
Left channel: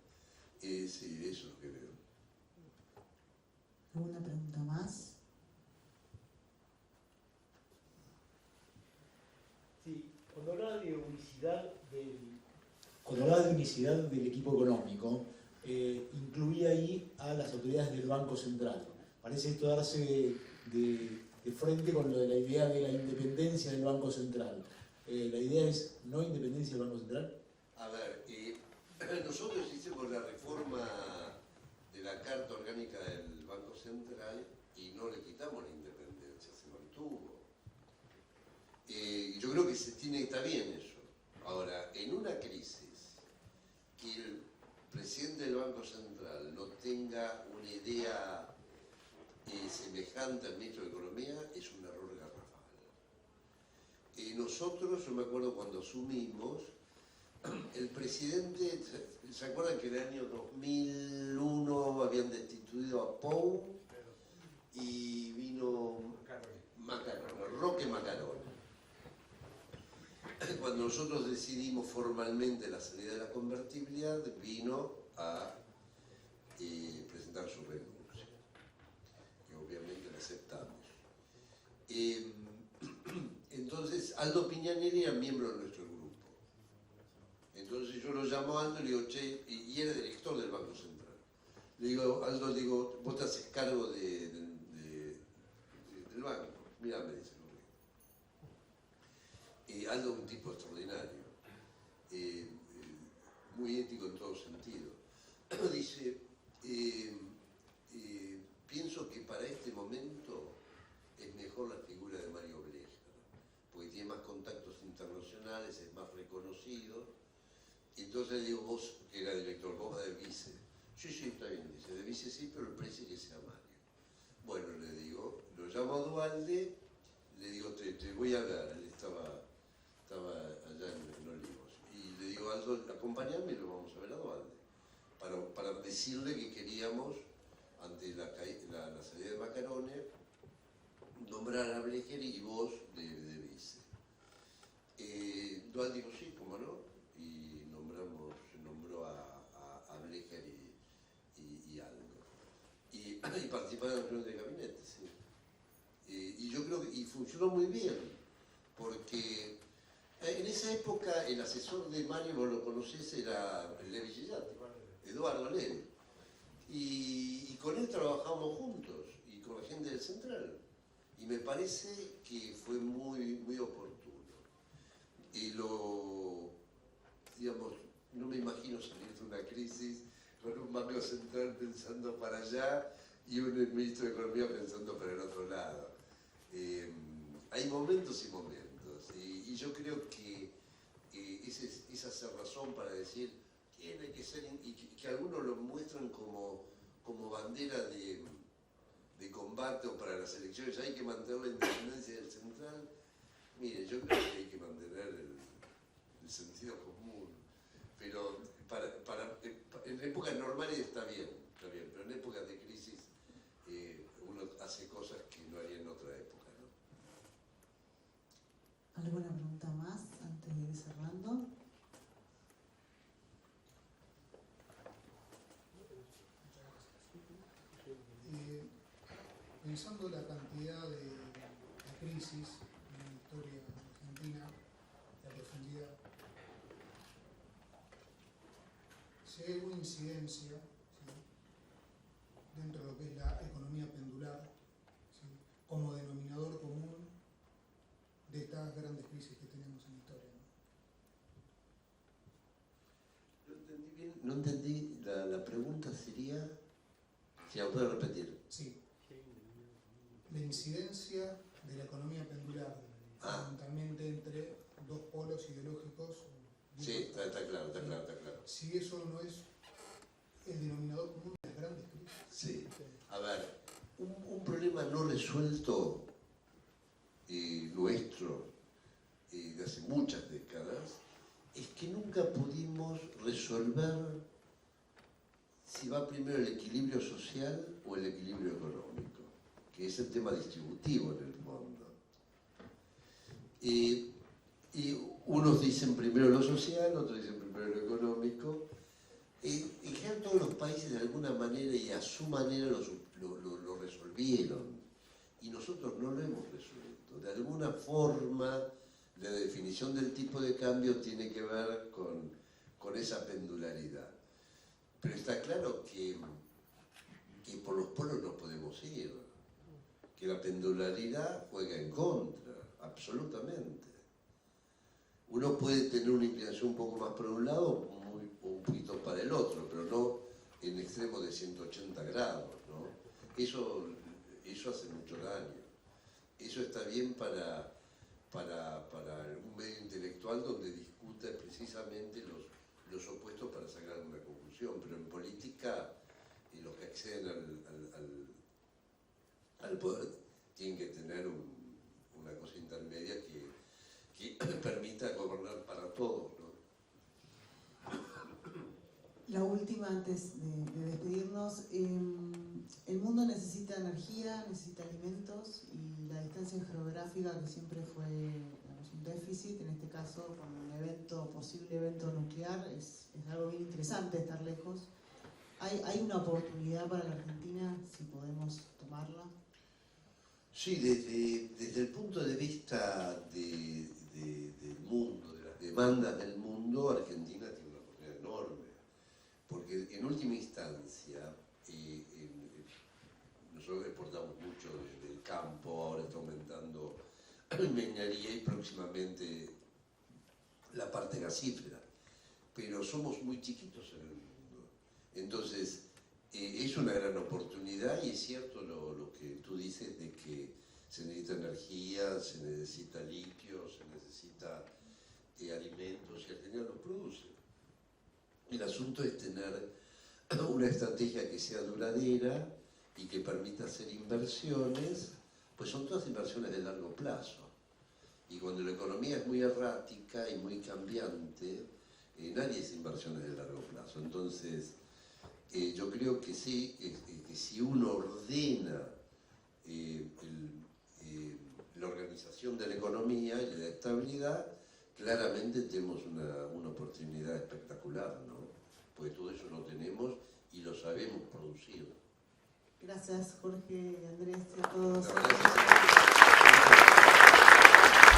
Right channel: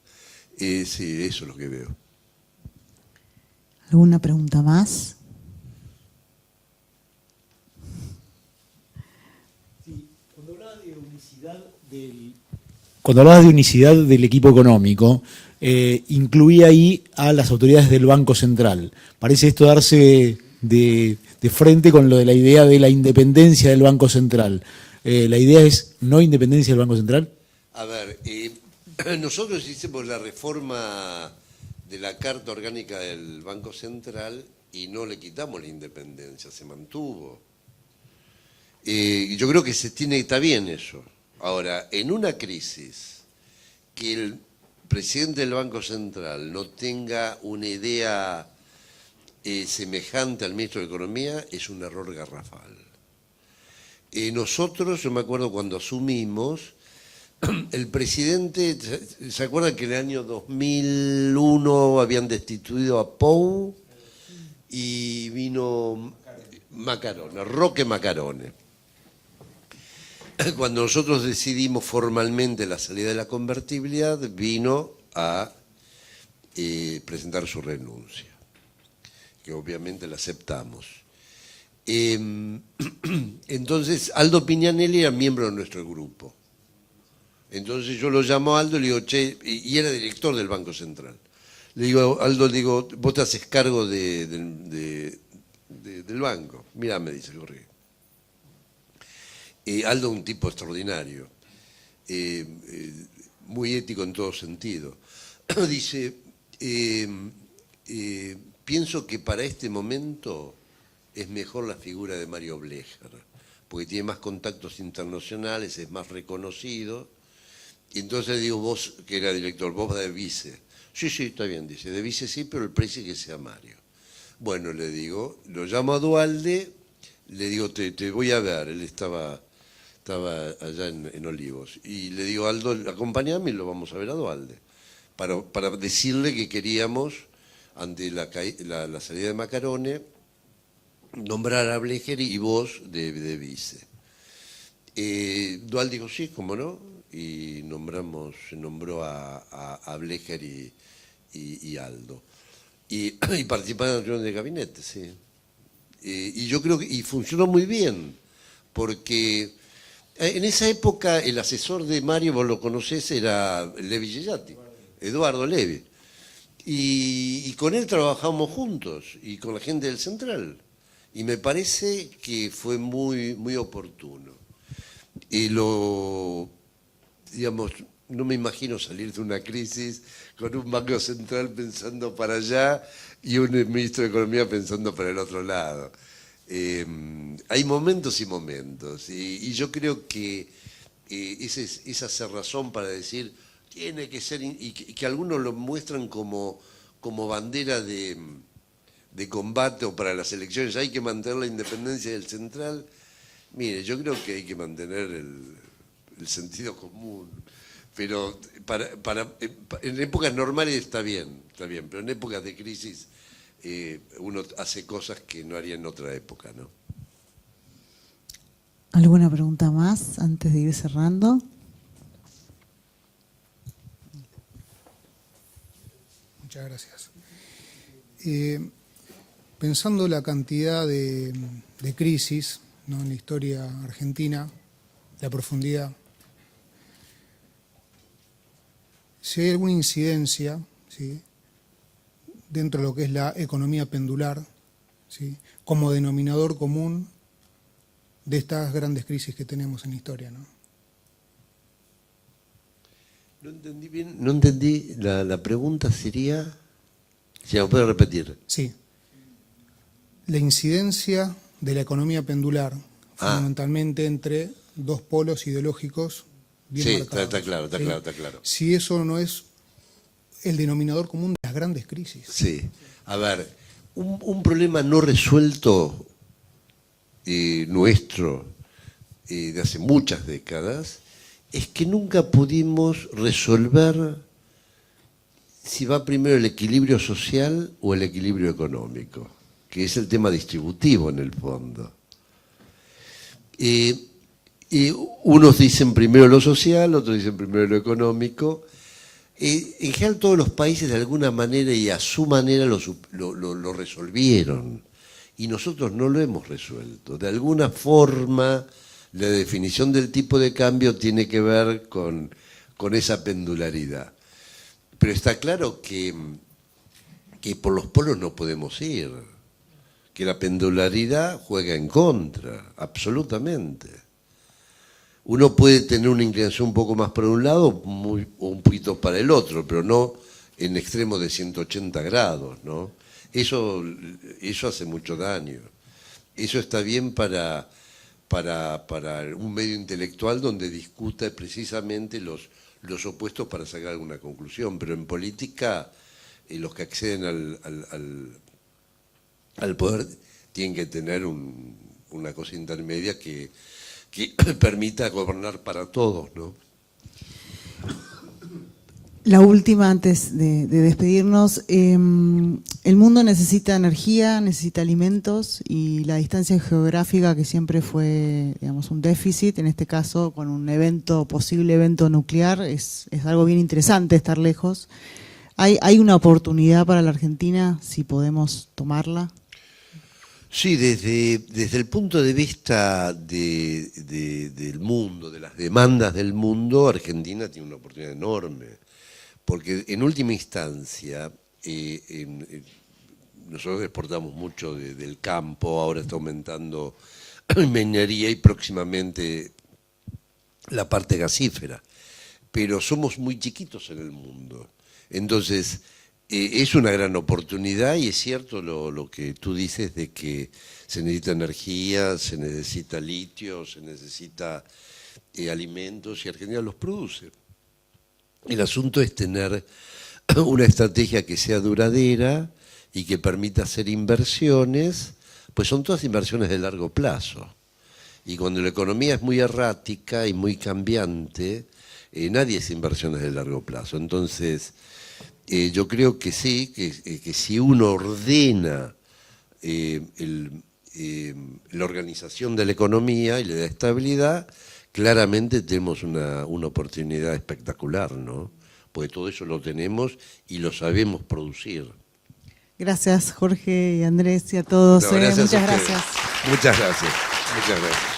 Sí, eso es lo que veo. ¿Alguna pregunta más? Sí, cuando hablabas de unicidad del equipo económico, incluía ahí a las autoridades del Banco Central. Parece esto darse de frente con lo de la idea de la independencia del Banco Central. ¿La idea es no independencia del Banco Central? A ver, nosotros hicimos la reforma de la Carta Orgánica del Banco Central y no le quitamos la independencia, se mantuvo. Yo creo que está bien eso. Ahora, en una crisis, que el presidente del Banco Central no tenga una idea semejante al ministro de Economía es un error garrafal. Nosotros, yo me acuerdo cuando asumimos, el presidente, ¿se acuerdan que en el año 2001 habían destituido a Pou y vino Macarone, Roque Macarone? Cuando nosotros decidimos formalmente la salida de la convertibilidad, vino a presentar su renuncia, que obviamente la aceptamos. Entonces, Aldo Pignanelli era miembro de nuestro grupo. Entonces yo lo llamo a Aldo y le digo, che, y era director del Banco Central. Le digo, Aldo, vos te haces cargo del banco. Mirá, me dice Jorge. Aldo es un tipo extraordinario, muy ético en todo sentido. Dice, pienso que para este momento es mejor la figura de Mario Blecher, porque tiene más contactos internacionales, es más reconocido. Y entonces digo, vos, que era director, vos de vice. Sí, está bien, dice, de vice sí, pero el precio que sea Mario. Bueno, le digo, lo llamo a Duhalde, le digo, te voy a ver, él estaba allá en Olivos. Y le digo, Aldo, acompáñame y lo vamos a ver a Duhalde, para decirle que queríamos, ante la salida de Macarone, nombrar a Blecher y vos de vice. Duhalde dijo, sí, cómo no, y se nombró a Blecher y Aldo. Y participaron en la reunión de gabinete, sí. Y yo creo que funcionó muy bien, porque en esa época el asesor de Mario, vos lo conocés, era Levi Gellati, Eduardo Levi. Y con él trabajamos juntos, y con la gente del Central. Y me parece que fue muy, muy oportuno. Digamos, no me imagino salir de una crisis con un Banco Central pensando para allá y un ministro de Economía pensando para el otro lado. Hay momentos y momentos, y yo creo que esa cerrazón para decir tiene que ser, y que algunos lo muestran como bandera de combate o para las elecciones, hay que mantener la independencia del Central. Mire, yo creo que hay que mantener el sentido común, pero en épocas normales está bien, pero en épocas de crisis uno hace cosas que no haría en otra época, ¿no? ¿Alguna pregunta más antes de ir cerrando? Muchas gracias. Pensando la cantidad de crisis, ¿no?, en la historia argentina, la profundidad, si hay alguna incidencia, ¿sí?, dentro de lo que es la economía pendular, ¿sí?, como denominador común de estas grandes crisis que tenemos en la historia, ¿no? No entendí bien, no entendí, la pregunta sería, si me puede repetir. Sí. La incidencia de la economía pendular, fundamentalmente entre dos polos ideológicos bien Sí, marcados. está claro, está ¿sí? claro, está claro. Si eso no es el denominador común de las grandes crisis. Sí, a ver, un problema no resuelto nuestro de hace muchas décadas es que nunca pudimos resolver si va primero el equilibrio social o el equilibrio económico, que es el tema distributivo en el fondo. Y unos dicen primero lo social, otros dicen primero lo económico. En general todos los países de alguna manera y a su manera lo resolvieron y nosotros no lo hemos resuelto. De alguna forma la definición del tipo de cambio tiene que ver con esa pendularidad. Pero está claro que por los polos no podemos ir, que la pendularidad juega en contra, absolutamente. Uno puede tener una inclinación un poco más para un lado o un poquito para el otro, pero no en extremo de 180 grados, ¿no? Eso hace mucho daño. Eso está bien para un medio intelectual donde discuta precisamente los opuestos para sacar alguna conclusión, pero en política los que acceden al poder tienen que tener una cosa intermedia que permita gobernar para todos, ¿no? La última antes de despedirnos. El mundo necesita energía, necesita alimentos y la distancia geográfica, que siempre fue, digamos, un déficit, en este caso con un posible evento nuclear, es algo bien interesante estar lejos. ¿Hay una oportunidad para la Argentina si podemos tomarla? Sí, desde el punto de vista del mundo, de las demandas del mundo, Argentina tiene una oportunidad enorme, porque en última instancia nosotros exportamos mucho del campo, ahora está aumentando minería y próximamente la parte gasífera, pero somos muy chiquitos en el mundo. Entonces, es una gran oportunidad y es cierto lo que tú dices de que se necesita energía, se necesita litio, se necesita alimentos y Argentina los produce. El asunto es tener una estrategia que sea duradera y que permita hacer inversiones, pues son todas inversiones de largo plazo. Y cuando la economía es muy errática y muy cambiante, nadie hace inversiones de largo plazo. Entonces, yo creo que sí, que si uno ordena la organización de la economía y le da estabilidad, claramente tenemos una oportunidad espectacular, ¿no? Porque todo eso lo tenemos y lo sabemos producir. Gracias, Jorge y Andrés, y a todos. No, gracias Muchas a ustedes. gracias. Muchas gracias. Muchas gracias.